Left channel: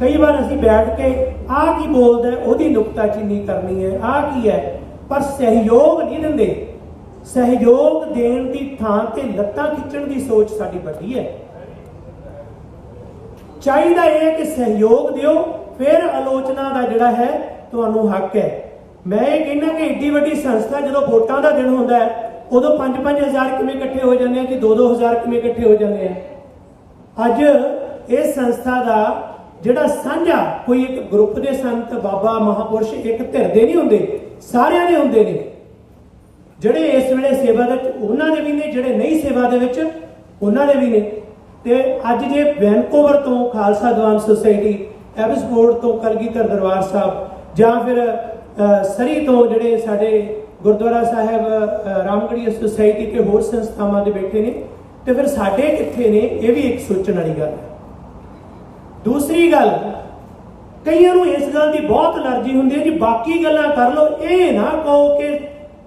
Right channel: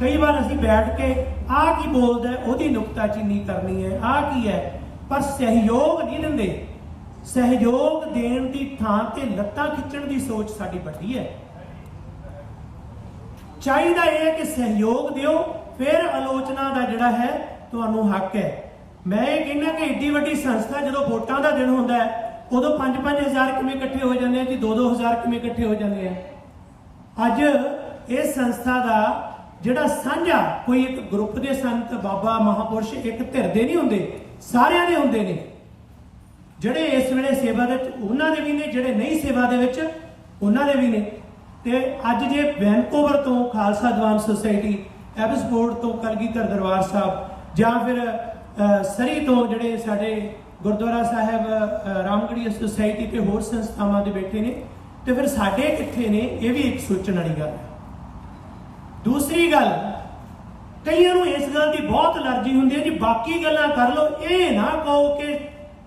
कई बार असीं बैठ के आ की बोलदा है ओहदी नुकताचीनी करनी है, आ की है, पर सहयोग नहीं दिंदे। सहयोग देण दी थां ते लत्तां खिच्चण दी सोच साडी वड्डी है। चाहिदा यह है कि सहयोग दिओ, फिर आलोचना का जिहड़ा है तुहानूं हक है। मैं ये कहना कि एड्डी वड्डी संस्था जदों वोटां दा दिन हुंदा है उदों 5-5 हज़ार किवें इकट्ठे हो जाते हैं कि 2-2 हज़ार किवें इकट्ठे हो जाते हैं। अज इस संस्था का जिहड़ा साझा कोई एक ग्रुप के संत बाबा महापुरुष एक धिर दे नहीं हुंदे, सारिਆਂ दे हुंदे ने। जिहड़े इस वेले सेवा दे उन्हां दे भी ने, जिहड़े नहीं सेवा दे विच उन्हां दे भी ने। ते अज जे वैनकूवर तो खालसा दीवान सोसाइटी, एबसफोर्ड तो कलगीधर दरबार साहब, जां फिर सरी तो जिहड़े साडे गुरुद्वारा साहब रामगढ़ी सोसाइटी ते होर संस्थावां दे बैठे ने, ते फिर साडे कित्थे ने, ये भी एक सोचण वाली गल है। दूसरी गल, कईयां नूं इस गल की बहुत अलर्जी हुंदी है जी बाकी गल्लां कर लो, ये ना कहो कि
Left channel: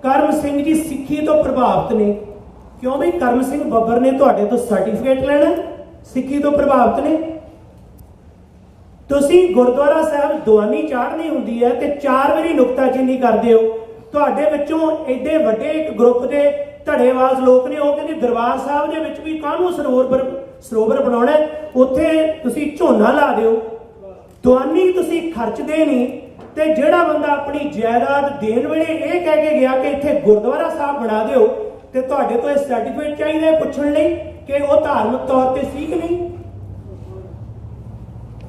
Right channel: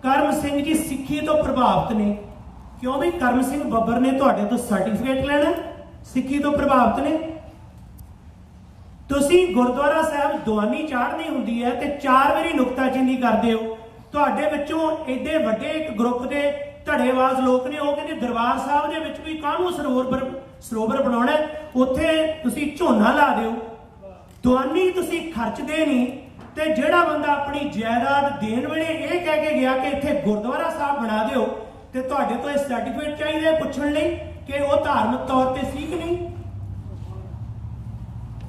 करम सिंह जी सिੱਖੀ तो प्रभावित ने। क्यों भी करम सिंह ਬੱਬਰ ने तुहाडे तो सर्टिफिकेट लैना सिੱਖੀ तो प्रभावित ने? तुसीं गुरुद्वारा साहब दवानी चाढ़नी हुंदी है ते 4 वारी नुकताचीनी करदे हो। तुहाडे विचों एडे वड्डे एक ग्रुप के धड़ेवाज लोग ने, वो कहंदे दरबार साहब दे विच भी काहनूं सरोवर बनाउणा, उत्थे तुसीं झोना ला दिओ। दवानी तुसीं खर्चदे नहीं, ते जिहड़ा बंदा अपनी जायदाद देण वेले ये कह के गया कि इत्थे गुरुद्वारा साहब बना दिओ, ते तुहाडे तो इह सर्टिफिकेट चाहीदा है पुछण लई कि वो धार्मिक तौर ते सी कि नहीं।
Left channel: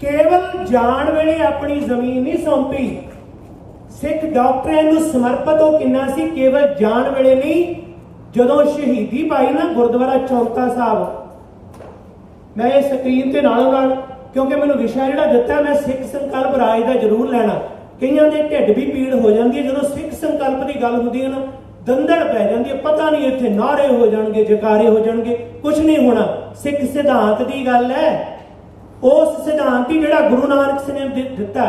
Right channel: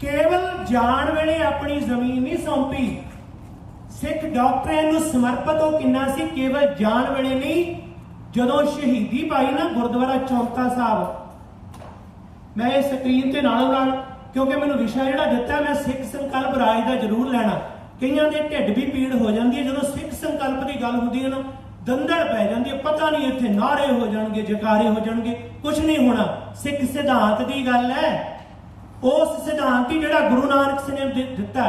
केवल जाण वेले अपनी जमीन नहीं सौंपी, सिख डॉक्टरां नूं समर्पित हो किन्ना सी, केवल जाण वेले नहीं, जदों शहीदी पाई ना गुरुद्वारा चौंका साहब। मैं ये स्क्रीन ते नालों नाल, क्योंकि मैनूं विशा जिहड़ा दित्ता मैं सिख संकल्प राज दा जरूर लैणा। कईयां दे ढिड भी पीड़ हो जाती है जदों सिख संकल्प की गल हुंदी है ना, दंदड़ पै जाती है, पता नहीं इत्थे नारे हो जाणगे, जकारे हो जाणगे, कुछ नहीं होना। सिख सिद्धांत की गल है, उस सिद्धांत ही जिहड़ा गुरु नानक सिंह ने दिता,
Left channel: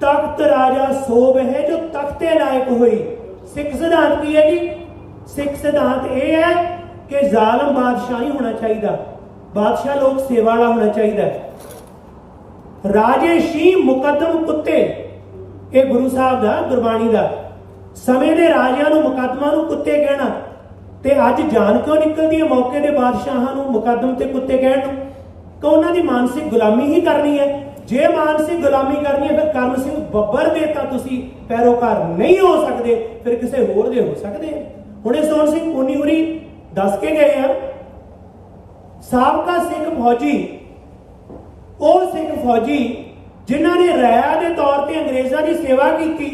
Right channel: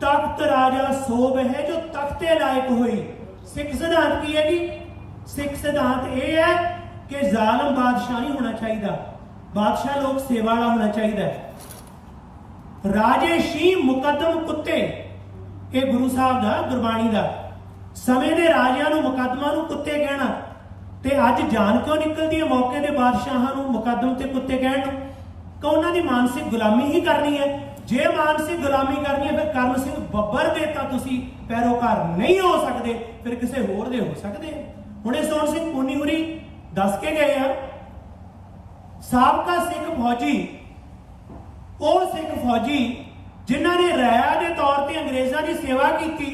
तख्त राजा सोभ है जो तख्ते लायक होई। सिख सिद्धांत की है जी? सिख सिद्धांत यह है कि जालम बादशाह नहीं होना चाहिए, बादशाह लोग सेवा वाला होना चाहिए। राजे शी मुकदम कुत्ते, ये गुरु साहब का गुरबाणी का, समय के राजियां नूं मुकदमा नूं कुत्ते कहना, ते अज जान क्यों निकलती है मौके के बादशाहां नूं मुकदम ते कुत्ते कहण नूं? कि उन्हां दी मानसिक गुलामी ही करनी है। जे मानसिक गुलामी करनी है फिर करम सिंह ਬੱਬਰ दे तां तुसीं पैरोकार नहीं हो सकते, फिर किसी होर दे हो सकते हैं। हुणे सोहण सिंह पुन्नी हुरी दस के गए हैं, साबका सिख फौजी, ਉਹ सिख फौजी जिन्हां ने राया के तौर पर अंग्रेज़ों की सेवा की,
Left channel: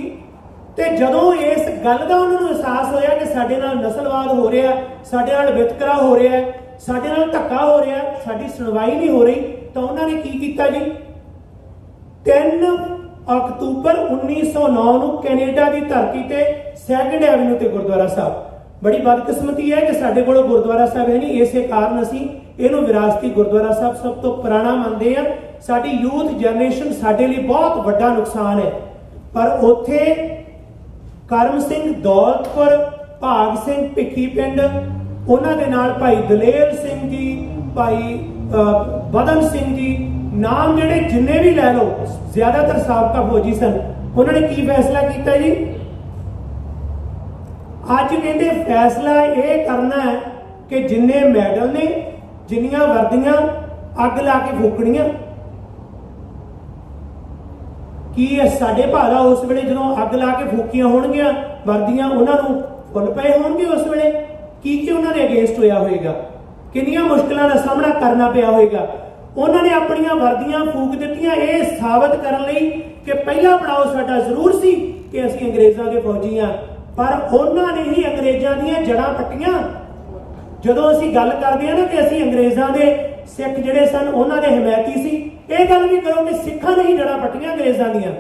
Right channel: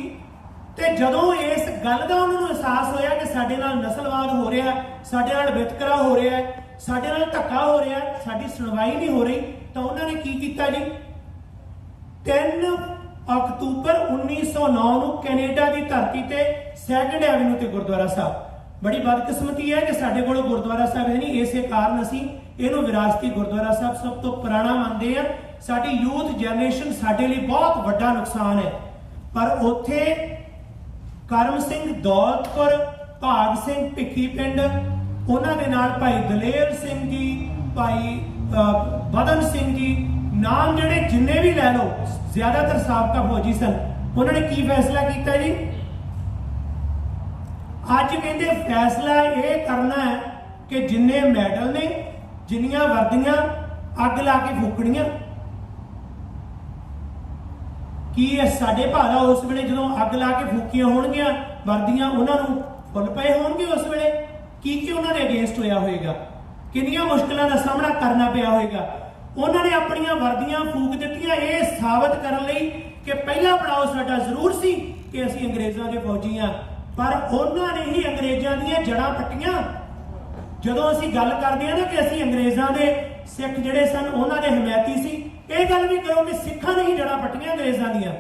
ते जदों इस गल का उन्होंने एहसास होया कि साडे नाल नस्लवाद हो रहा, साडे नाल वितकरा हो रहा है, साडे नाल धक्का हो रहा, साडी सुनवाई नहीं हो रही, तो उन्होंने की कीता जी, 3 अक्तूबर 1909 नूं कैनेडा की धरती ते 2nd एवेन्यू ते गुरुद्वारा साहब। बड़ी बदकिस्मती है कि साडे कोल गुरुद्वारा साहब है नहीं, इसे कारण असीं इहनूं विरासती गुरुद्वारा साहब सब तो पुराना मानते हैं। साडी यूथ जनरेशन साडे लई बहुत वड्डा नुकसान है। पर उत्थे करम सिंह दौलतपुर, भाग सिंह भिक्खी पिंड, उन्हां दे नाल भाई दलेर सिंह जी, भाई बदन सिंह जी, नाम जिहड़े जिन्ने भी लै लो, ज्यादातर साबका फौजी सन। उन्होंने की फैसला किया जी? अज कहते फैसला यह करना है कि जिन्ने मैडल ने, जिन्नियां वर्दियां अग ला के फूकणियां, कि साडे भाला उस वेले जदों अग ला के फूकियां होणगियां वर्दियां, उन्होंने फुल पे होणगे उस वेले की उन्होंने अगेंस्ट होया होएगा, किन्नियां मुश्किलों का सामना करना पिया होएगा। उन्होंने अपनियां वर्दियां फूक दित्तियां ये साबित करने लई कि पहला पड़ाव साडा जरूर सी कि असीं अंग्रेज़ां दे फौजी हां, पर उन्होंने ही अंग्रेज़ां दीयां जड़ां पट्टियां। जदों असीं गल करदे हां ना कि असीं अंग्रेज़ां दे सिख जिहड़े सन उन्हां दे हमायती सी, ये गल भी करो कि सिखां ने ही जड़ां पट्टियां अंग्रेज़ां दीयां।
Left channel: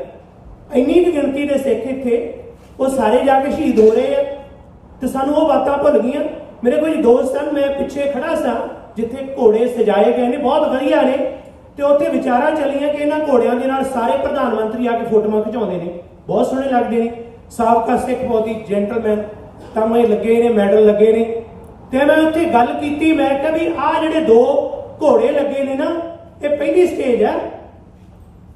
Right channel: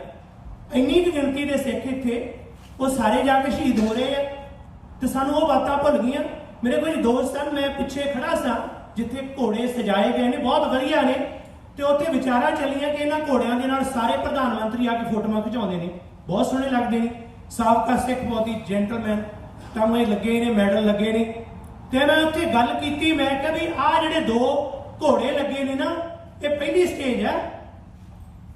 इन्नी की गिणती के सिख इत्थे वो सारे जाके शहीद हो रहे हैं, तो सानूं वो बातां भुल गईयां। मेरे कुछ दोस्त सन, मैं पिछे खड़ा सा जिथे घोड़े सजाए गए ने बहुत वधिया ने, तो उत्थे विचारां चलियां कि इन्हां घोड़ियां दे नाल सारे प्रधानमंत्री आके फोटोआं खिचाउंदे ने, बहुत सोहणे लगदे ने। साबका सिख फौजी जेंटलमैन तमगे लगे ने, मैडल लगे ने। तो मैं उत्थे गल की, मैं कहा भी आ जिहड़े 2 घोड़े लगे ने ना, ये पहली स्टेज है,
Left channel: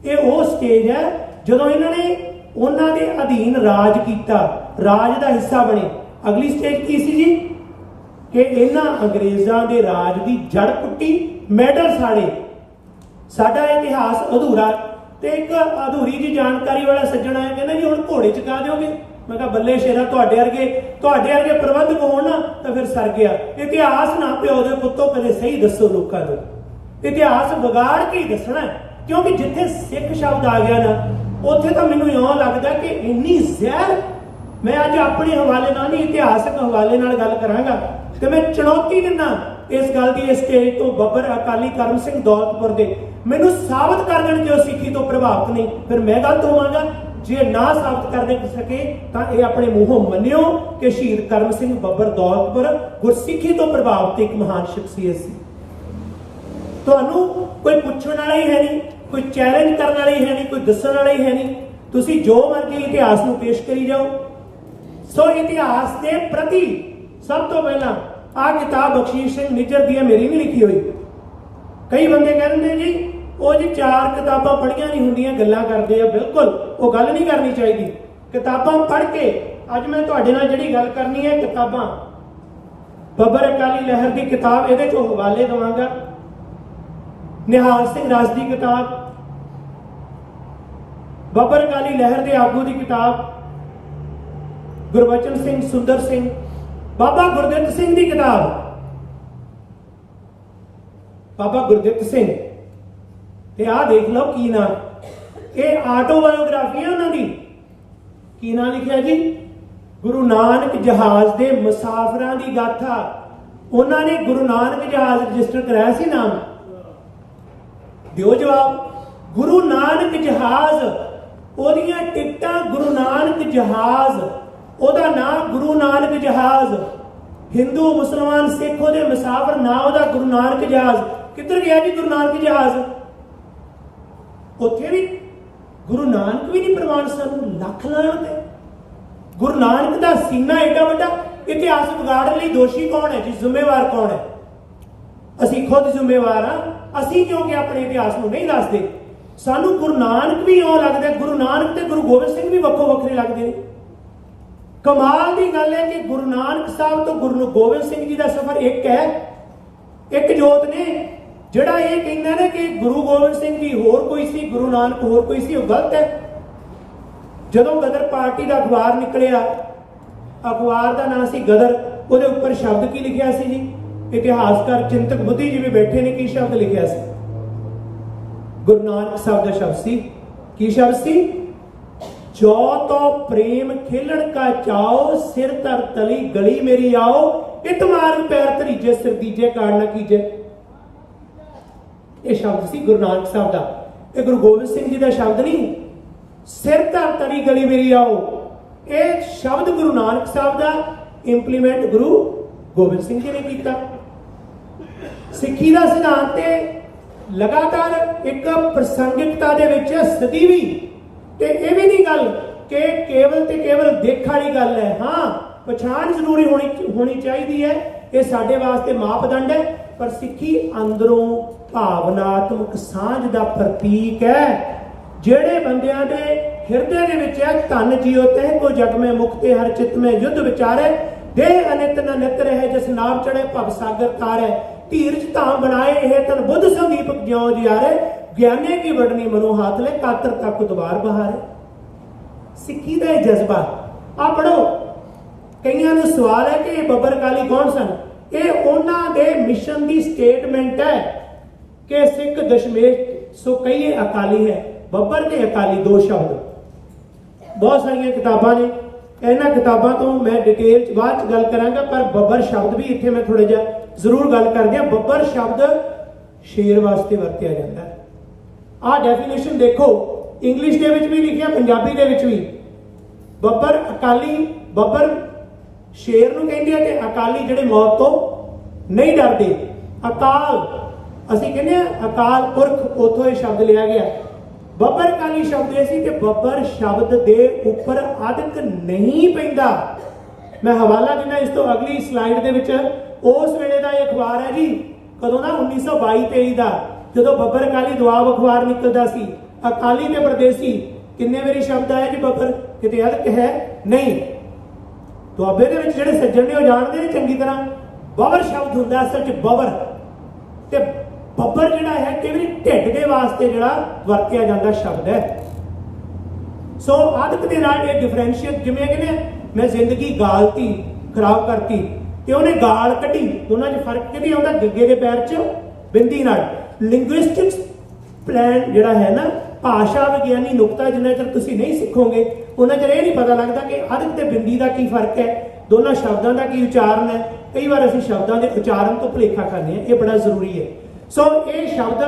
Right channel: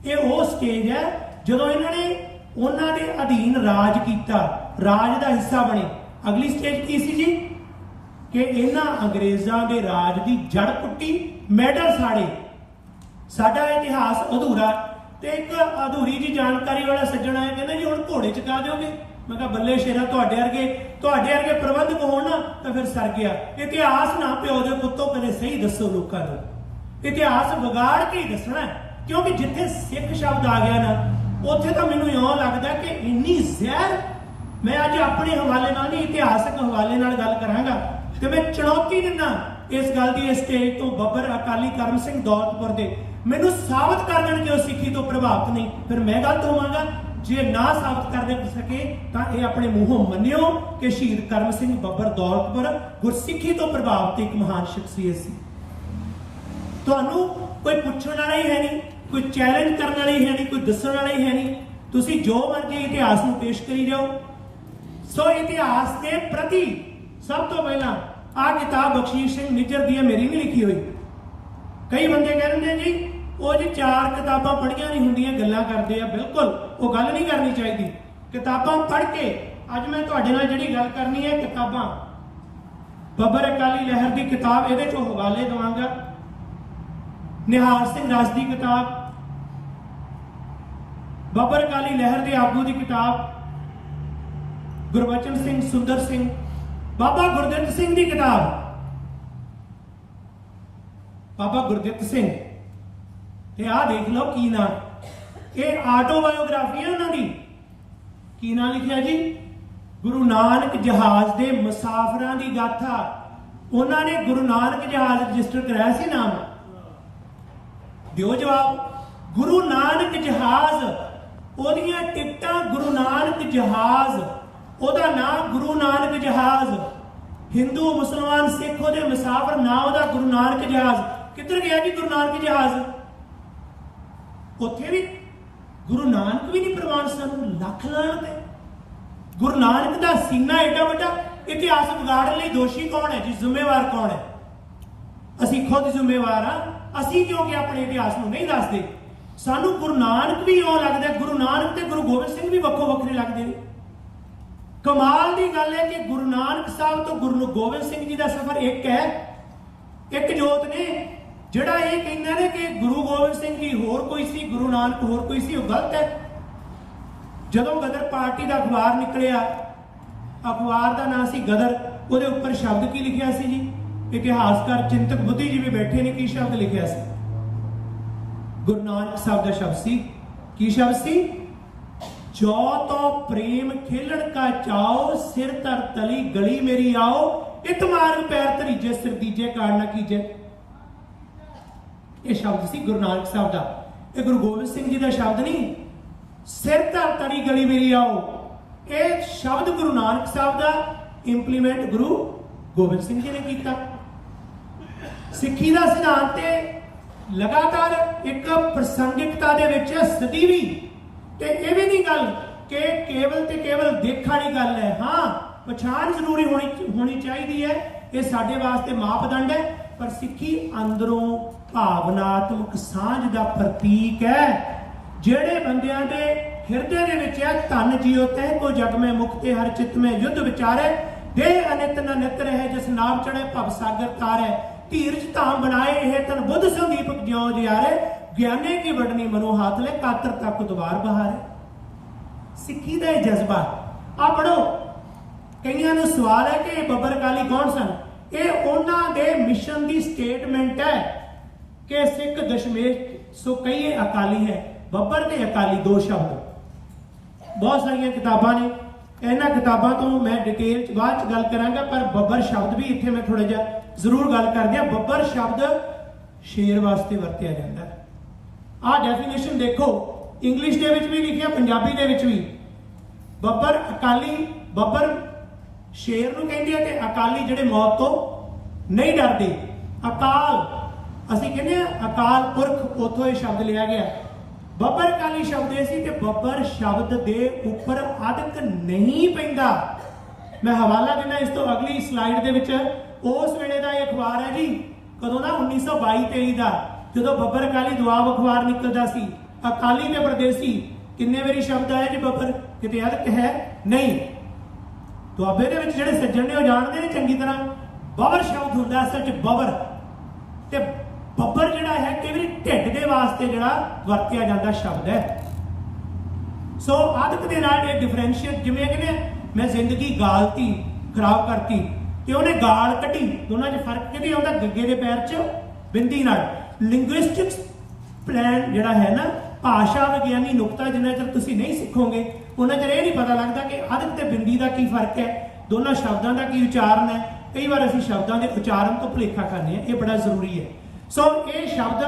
ये वो स्टेज है ਜਦੋਂ ਇਹਨਾਂ ਨੇ ਉਹਨਾਂ ਦੇ ਅਧੀਨ ਰਾਜ ਕੀਤਾ, ਰਾਜ ਦਾ ਹਿੱਸਾ ਬਣੇ। ਅਗਲੀ ਸਟੇਜ ਕੀ ਸੀ ਜੀ ਕਿ ਇਹਨਾਂ ਅੰਗਰੇਜ਼ਾਂ ਦੇ ਰਾਜ ਦੀ ਜੜ ਪੁੱਟੀ, ਮੈਡਲ ਸਾੜੇ, ਸਾਡਾ ਇਤਿਹਾਸ ਅਧੂਰਾ। ਤੇ ਇੱਕ ਅਧੂਰੀ ਜੀ ਜਾਣਕਾਰੀ ਵਾਲਾ ਸੱਜਣ ਆਇਆ, ਕਹਿੰਦਾ ਜੀ ਹੁਣ ਘੋੜੇ ਚਕਾ ਦਿਓਗੇ? मैं कहा बल्ले शेरा, तुहाडे वर्गे प्रबंधक होण ना तो फिर सर गया। इतिहास ना प्यो दे पुत्तो कदे सही दसो लोकां नूं, इतिहास विगाड़ के ही दसना, क्योंकि जिथे सिख शब्द आ गया ना उत्थे तो मैनूं इउं लगदा कि इन्नी जहर। मैं अज अपने हवाले नाल नहीं, इतिहासक हवाले नाल गल करांगा ते मैं चुनौती दिना इस गल दी स्टेज तो बब्बर अकाली करम सिंह दौलतपुर दे मैनूं साबित कर देण कि सिੱਖੀ तो प्रभावित नहीं, फिर मैं गलत होवांगा। जे ना साबित करने सके तो यह अपने मूहों मनियो कि शहीद करम सिंह बब्बर दौलतपुर गुरसिੱਖੀ तो प्रभावित एक महान शख्सियत सी। तुहानूं कोई पुछण वाला ही है नहीं, कोई चैलेंज करने वाला ही है नहीं, कोई दस्सण वाला ही है नहीं, तुसीं जो मर्जी इतिहास नूं पेश करी जाओ। सो इतिहास के प्रति सब तो पहला आ किताब बख्शीश सिंह निज्जर दी मेरी नहीं लिखी हुई। कई बंदे कहते जी वो जी 4 किताबां पढ़ियां नहीं हुंदियां, गल्लां करदे आ। बिल्कुल वो गल नहीं करनी चाहिए। किताबां पढ़ के अज मैं तुहाडे नाल जिहड़ी गल करनी है, किताबां बब्बर अकाली लहर की किताब इहदे चों हवाले देवांगा। निहाल सिंह राज की किताब, बब्बर अकाली लहर के आगू की किताब, गुरबचन सिंह सुंदर सिंह, बाबा गुरदित्त सिंह की किताब, बाबा गुरदित्त सिंह ते आ देख लो की ना, ये आटोबायोग्राफी है उन्होंने की ना लिखा जी, गुरु नानक जहाज के मुसाफिरां की गाथा। उन्होंने गुरु नानक जहाज रजिस्टर कराया सी नाम, दिओ जवाब। गुरु नानक जहाज, ओदियां टिकटां गुरु नानक जहाज, ओदा नाम गुरु नानक जहाज। हिंदू मुसलमान सिख ओदे मुसाफिर ना ओदा गुरु नानक जहाज। किधर गया जी गुरु नानक जहाज? उत्थे भी गुरु नानक भी नहीं प्रमाण, सानू लख लाण ते। गुरु नानक दा सीना एडा वड्डा, इतिहास बिगाड़न लई दोषी कौन है जी? जिम्मेवार कौन है? असीं खुद जिम्मेवार हां। असीं क्योंकि अपने इतिहास नूं नहीं दसदे। सानू गुरु नानक भी इउं लगदा, गुरु नानक ते गुरु गोबिंद सिंह भी वक्खो वक्खरे लगदे ने। कमाल की गल है कि गुरु नानक साहब तो गुरु गोबिंद सिंह जी का सफर एक है, एक जोत ने। ਜਿਹੜਾ ਇਹ ਕਹਿੰਦਾ ਨੇ ਕਿ ਗੁਰੂ ਗੋਬਿੰਦ ਸਿੰਘ ਜੀ ਹੋਰ ਕੋਈ ਸੀ, ਗੁਰੂ ਨਾਨਕ ਹੋਰ ਕੋਈ ਸੀ, ਉਹ ਗਲਤ ਹੈ। ਜਦੋਂ ਗਦਰ ਪਾਰਟੀ ਦਾ ਅਖਬਾਰ ਨਿਕਲਿਆ, ਅਖਬਾਰ ਦਾ ਨਾਮ ਸੀ ਗਦਰ, ਉਹਦੇ ਉੱਪਰ ਸ਼ਬਦ ਕੀ ਲਿਖਿਆ ਸੀ ਜੀ? ਇਤਿਹਾਸਕਾਰ ਚਿੰਤਕ ਬੁੱਧੀਜੀਵੀ ਬੈਠੇ ਨੇ, ਕੀ ਸ਼ਬਦ ਲਿਖਿਆ ਸੀ? ਗੁਰੂ ਨਾਨਕ ਸਾਹਿਬ ਦਾ ਸ਼ਬਦ ਸੀ। ਕੀ ਸ਼ਬਦ ਸੀ? ਜੋ ਤੋ ਪ੍ਰੇਮ ਖੇਲਣ ਕਾ ਚਾਓ, ਸਿਰ ਧਰ ਤਲੀ ਗਲੀ ਮੇਰੀ ਆਓ, ਇਤ ਮਾਰਗ ਪੈਰ ਧਰੀਜੇ, ਸਿਰ ਦੀਜੇ ਕਾੜ ਨਾ ਕੀਜੇ। ਇਹ ਸ਼ਬਦ ਸੀ ਗੁਰੂ ਨਾਨਕ ਸਾਹਿਬ ਦਾ। ਇਹ ਗੁਰੂ ਗੋਬਿੰਦ ਸਿੰਘ ਜੀ ਦਾ ਸ਼ਬਦ ਨਹੀਂ। ਸਿਰ ਧਰ ਤਲੀ ਗਲੀ ਮੇਰੀ ਆਓ, ਇਹ ਸ਼ਬਦ ਗੁਰੂ ਨਾਨਕ ਸਾਹਿਬ ਦਾ, ਇੰਪਲੀਮੈਂਟ ਗੁਰੂ ਗੋਬਿੰਦ ਸਿੰਘ ਜੀ ਨੇ ਕੀਤਾ। ਸਿੱਖੀ ਦਾ ਸਿਧਾਂਤ ਤੇ ਲਗਾਤਾਰ ਇੱਕ ਪ੍ਰਸੰਗਿਕਤਾ ਦੇ ਵਿੱਚ ਸਦੀ ਵੀ, ਤੇ ਇਹ ਵੀ ਨਹੀਂ ਗੱਲ ਕਿ ਕੇਵਲ ਤੇ ਕੇਵਲ ਦੇਖ ਵਾਲੀ ਗੱਲ ਹੈ। ਹਾਂ, ਪਛਾਣ ਜ਼ਰੂਰੀ ਹੋਣੀ ਚਾਹੀਦੀ ਹੈ, ਇਹ ਸਾਡੇ ਵਾਸਤੇ ਮਾਪਦੰਡ ਹੈ। ਪਰ ਸਿੱਖੀ ਅੰਦਰੋਂ ਭਾਵਨਾਤਮਕ ਸਾਂਝ ਦਾ ਪ੍ਰਤੀਕ ਹੈ। ਜਿਹੜੇ ਬੰਦਿਆਂ ਦੇ ਹਿਰਦੇ ਦੇ ਵਿੱਚ ਹੈ, ਧਨ ਜੀਓ ਤਹਿ ਕੋ ਜਗ ਮੈਂ ਮੁਕਤੇ, ਹਰ ਚਿਤ ਮੈਂ ਯੁੱਧ ਵਿਚਾਰੇ, ਦੇਹ ਅਨਿਤ ਨ ਨਿਤ ਰਹੇ, ਜਿਸ ਨਾਮ ਚੜੇ ਭਵ ਸਾਗਰ ਤਾਰੇ, ਧੀਰਜ ਧਾਮ ਬਣਾਏ ਇਹ ਤਨ ਬੁੱਧ ਸੰਦੀਪਕ ਜਿਉ ਜਿਆਰੇ, ਗਿਆਨੇ ਕੀ ਵਡਨੀ ਮਨੋ ਹਾਥ ਲੈ, ਕਾਤਰ ਤੱਕ ਦੁਬਾਰ ਬਹਾਰੇ। ਸਿੱਖੀ ਦਾ ਇਹ ਜਜ਼ਬਾ ਆ ਪੜੋ। ਕਈਆਂ ਨੂੰ ਸਵਾਲ ਹੈ ਕਿ ਬੱਬਰ ਅਕਾਲੀ ਕੌਣ ਸਨ? ਇਹ ਉਹਨਾਂ ਦੇ ਮਿਸ਼ਨ ਦੀ ਸਟੇਟਮੈਂਟ ਹੈ ਕਿ ਸਿੱਖ ਦਸ਼ਮੇਸ਼ ਸੋ ਕਹੀਏ ਅਕਾਲੀ ਹੈ। ਬੱਬਰ ਤੇ ਅਕਾਲੀ ਦੋ ਸ਼ਬਦ, ਬਹੁਤ ਸਾਰੀਆਂ ਕਿਤਾਬਾਂ ਨੇ, ਇਹਨਾਂ ਕਿਤਾਬਾਂ ਤੋਂ ਮੈਂ ਡਿਟੇਲ ਚ ਬਾਅਦ ਚ ਗੱਲ ਕਰਾਂਗਾ, ਪਰ ਬੱਬਰ ਸ਼ਬਦ ਵੀ ਇੱਥੇ ਮੈਂ ਥੋੜਾ ਜਿਹਾ ਜ਼ਰੂਰ ਗੱਲ ਕਰਦੇ ਹਾਂ। ਬੱਬਰ ਸ਼ਬਦ ਸ਼ੇਰ ਵਾਸਤੇ ਵਰਤਿਆ ਜਾਂਦਾ ਹੈ। ਆਹ ਡੈਫੀਨੇਸ਼ਨ ਦੇਖੋ, ਇੰਗਲਿਸ਼ ਦੇ ਵਿੱਚ ਵੀ ਲਿਖਿਆ, ਪੰਜਾਬੀ ਦੇ ਵਿੱਚ ਵੀ। ਬੱਬਰ ਅਕਾਲੀ, ਬੱਬਰ ਸ਼ੇਰ ਨੂੰ ਕਹਿੰਦੇ ਆ, ਤੇ ਅਕਾਲੀ ਜਿਹੜੇ ਮੌਤ ਤੋਂ ਨਹੀਂ ਡਰਦੇ। ਅਕਾਲ ਅਸੀਂ ਕਹਿੰਦੇ ਆ ਅਕਾਲ ਪੁਰਖ, ਉੱਥੋਂ ਇਹ ਸ਼ਬਦ ਲਿਆ ਗਿਆ। ਬੱਬਰ ਅਕਾਲੀ ਸ਼ਬਦ ਇਹ ਸੀ ਕਿ ਬੱਬਰ ਸ਼ਬਦ ਦੇ ਉੱਪਰ ਅਧਿਕ ਨਹੀਂ ਪੈਂਦਾ। ਮੈਂ ਹਵਾਲਾ ਦਿੰਦਾ ਇਸ ਤੋਂ ਅਗਲੀ ਸਲਾਈਡ ਦੇ ਵਿੱਚ। ਉਸ ਵੇਲੇ ਦਾ ਇਹ ਅਖਬਾਰ ਹੈ ਜੀ, ਕਦੋਂ ਦਾ? 1922-23 ਦਾ, ਜਦੋਂ ਬੱਬਰ ਅਕਾਲੀ ਦੁਆਬ ਅਖਬਾਰ ਨਿਕਲਦਾ ਸੀ। अकाली ते परदेसी किन्ने वारी शब्द आया जी बबर, किते अदक है नहीं। दुआबे दे विच जिहड़े सज्जण ने जानते हैं चंगी तरह, बबर शब्द हुंदा असल च बबर, ते बबर जिहड़ा है कई वारी ढिड दे वास्ते जिहड़ा वरतिया जांदा शब्द है। सो अदक दे नाल ये डिफरेंशिएट, जिवें कहने मैं जिंदगी गालती खराब करती ते उन्हें गाल कड्ढी, दोनों च फर्क किहदी आउंदा, गग्गे दे पैर च बिंदी नाल। लिंग्विस्टिक्स प्लान जिहड़ा है ना, भाषा विज्ञानी नुकता जिन्ना चਿਰ ਤੁਸੀਂ नहीं सीखोगे उन्ना चਿਰ ਇਹ नहीं पता लगता कि अदक ते बिंदी का की फर्क है, दोनों शब्दों का की उच्चारण है। कई बार असीं शब्दों के उच्चारण तो भुलेखा करने हैं, ये बड़ा जरूरी है। सो ये शब्द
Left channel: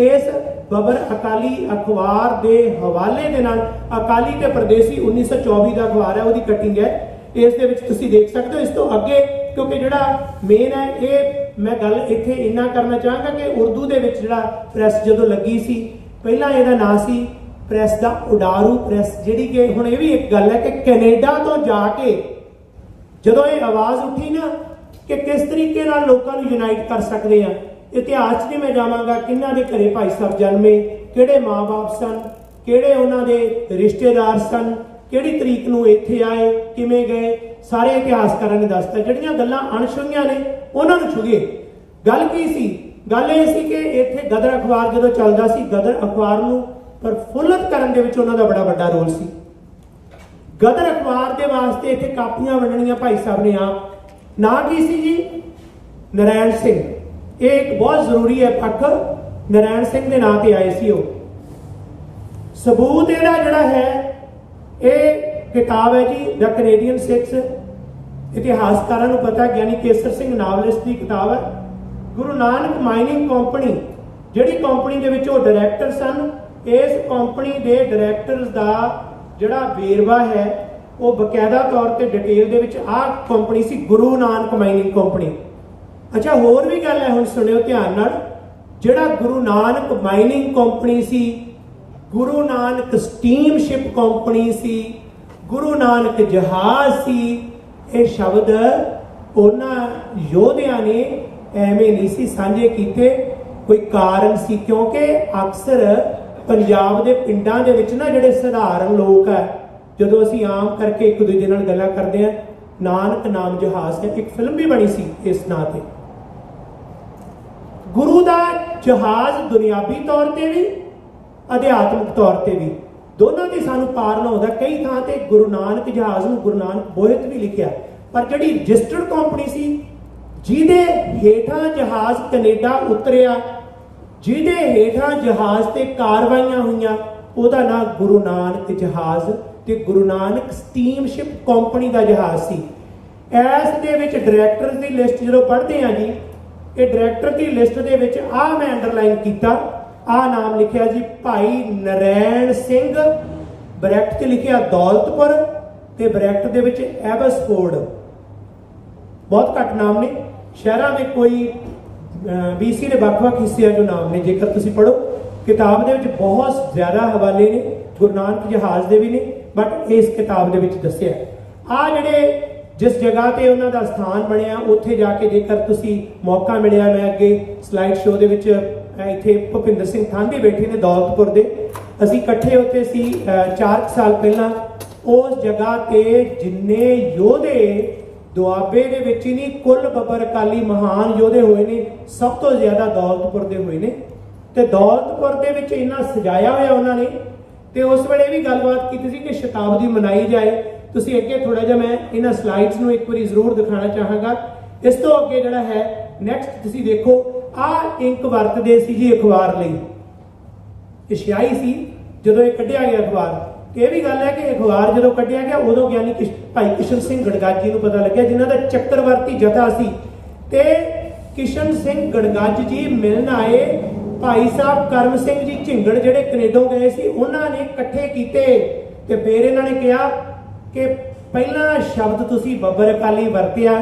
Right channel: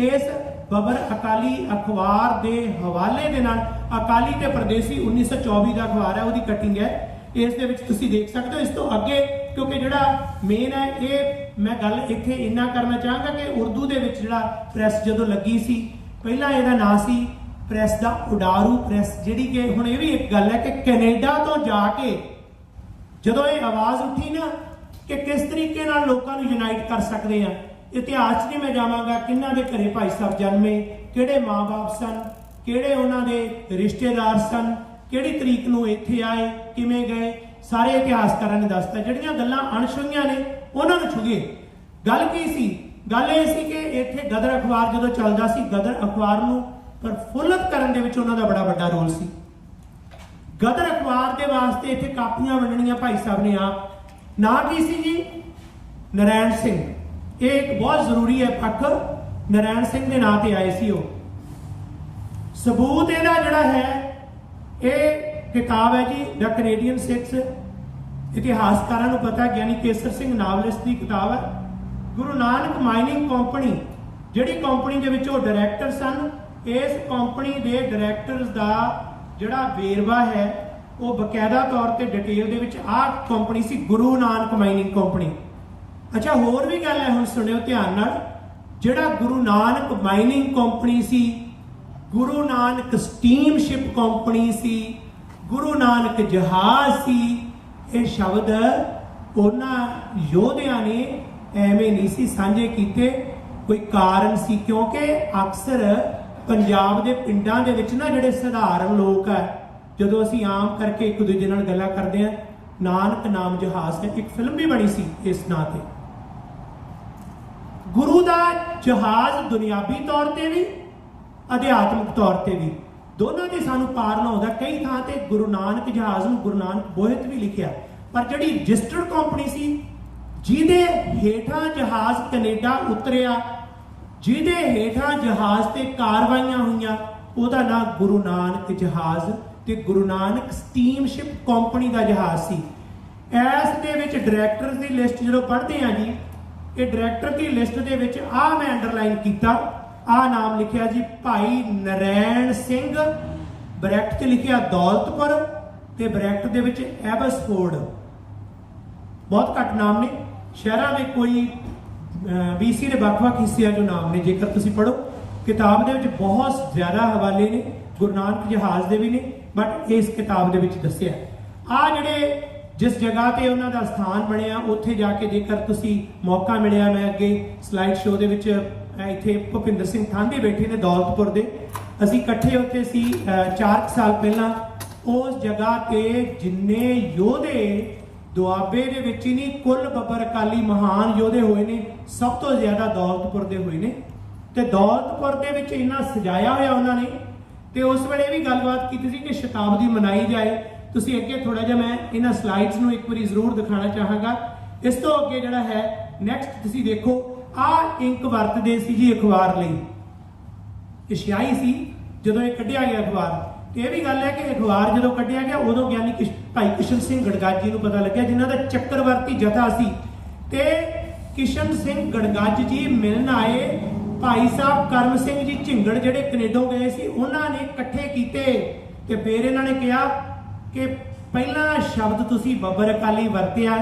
इस बबर अकाली अखबार के हवाले दे नाल, अकाली ते परदेसी 1924 का अखबार है, उसकी कटिंग है, इस दे विच तुसीं देख सकते हो। इस तो अगे क्योंकि जिहड़ा मेन है ये मैं गल इत्थे इन्ना करना चाहांगा कि उर्दू दे विच जिहड़ा प्रैस जदों लगी सी, पहला इहदा नाम सी प्रैस दा उडारू प्रैस, जिहड़ी कि हुण ये भी एक गल है कि कैनेडा तो जाके जदों ये आवाज़ उठी ना कि किस तरीके नाल लोकां नूं यूनाइट कर सकदे आ, इतिहास 'च नहीं मैं जावांगा किन्हां दे घरे भाई साहब जन्मे, किहड़े माँ बाप सन, किहड़े उन्हां दे रिश्तेदार सन, किहड़ी तरीक नूं इत्थे आए, किवें गए, सारे इतिहासकारां ने दसता। जिहड़ियां गल्लां अणछुईआं ने उन्हां नूं छुईए। गल की सी? गल ये सी कि इत्थे गदर अखबार जदों चलदा सी, गदर अखबार नूं प्रफुल्लत करन दे विच उन्हां दा बड़ा वड्डा रोल सी। गदर अखबार दे वास्ते इत्थे कापियां वंडणीआं भाई साहब ने आप, ना की सी जी नारायण सिंह, ये एक बहुत जरूरी है पक्ष, नारायण सिंह के नाम से आए सी। सबूत इहदा जिहड़ा है ये किताब है जी द कैनेडियन सिक्स, इतिहासकारां नूं पता, ज्ञानी केसर सिंह नावलिस्ट की किताब है। गुरु नानक माइनिंग कंपनी जिहड़ी कंपनी दे विच ओह डायरैक्टर सन, इस कंपनी के डायरैक्टर्स का जिहड़ा वेरवा है वो बकायदा तौर पर डिटेल दे विच आ कंपनी सी गुरु नानक माइनिंग कंपनी। अच्छा होर भी गल है, हुण सुनियो ध्यान नाल, जिहड़ा गुरु नानक माइनिंग कंपनी सी, गुरु नानक स्टीमशिप कंपनी सी, गुरु नानक जहाज सी, ये शब्द उन्हां योधियां ने एवें नहीं सी सांझे कीते, कोई कारण सी। क्योंकि अक्सर पंजाब दे पिंडां दे विच ना जिहड़े सधारण लोग है, जदों असीं आम करके एक दूजे नाल गल्लां करदे हैं, नानक नाम जहाज है, एक फिल्म भी बनी सी इस नां ते। गुरु दा जहाज दुनियावी तौर पर भी अध्यात्मिक तौर पर भी दोनों की सानू पार लाउंदा। कई थां ते गुरु नानक जहाज नूं गुरु नानक बोहित भी लिखिया, पर जिहड़ी रजिस्टर्ड कंपनी सी जिहदे हेठां जहाज कनेडा उतरिया, जिहदे हेठां जहाज ते कारवाइयां हुईयां, उहदा नाम गुरु नानक जहाज ते गुरु नानक स्टीमशिप कंपनी का जहाज सी। इस दे विच डायरैक्टर्स की लिस्ट जो पढ़ते हैं जी, ये डायरैक्टर की लिस्ट दे विच आ मैं अंडरलाइन किया, आ नाम लिखिया जी भाई नारायण सिंह, ब्रैकेट च लिखिया दौलतपुर ते ब्रैकेट दे विच एबसफोर्ड। बहुत घट नाम ने, शहरां दे कोई BC के ਵੱਖ-ਵੱਖ हिस्सिਆਂ जो नाम ने, जेकर तुसीं पढ़ो किताब दे विच बहुत ज्यादा हवाले ने, गुरु नानक जहाज दे भी ने, बट इस किताब दे विच दस्सिया आ जिहड़े जिस जगह ते उन्हां दा स्थान बनिया, उत्थे जाके जेकर तुसीं मौका मिलिया, मैं अगे स्लाइड शो दे विच इत्थे भुपिंदर सिंह थांदी बैठे ने दौलतपुर दे, असीं इकट्ठे उत्थे सी 4 साल पहला। उस जगह ते जिन्ने योधे दुआबे दे विच ही नहीं, कुल बबर अकाली महान योधे होए ने, सब तो ज्यादा दौलतपुर दे होए ने, ते दौलतपुर दे विच इन्ना सजाया होया उन्होंने। ते उस वेले भी गलबात की थी कि शताब्दी मनाई जाए। तुसीं अगे थोड़ा जिहा मैं इन्हां स्लाइड्स नूं एक बारी जरूर दिखाना चाहांगा। इस तो अगे जिहड़ा है नैक्सट तुसीं देखो, आ इंक वरतदे सी जी अखबार लई, एशियाई सी जदों ये कढ़िया गया अखबार। ये भी गल है कि अखबार जो कढ़िया गया उदों ज्ञानी भाई किशन सिंह गड़गाजी नूं पता लग्या, जिन्हां दा चक्रवर्ती जथा सी, ते किशन सिंह गड़गज जी मिलन आए भाई साहब करम सिंह जी झिंगड़ जिहड़े कनेडों गए सी, उन्होंने इकट्ठे कीते ते फिर इन्होंने कहा कि पहला शब्द तुसीं बबर अकाली वरतिया,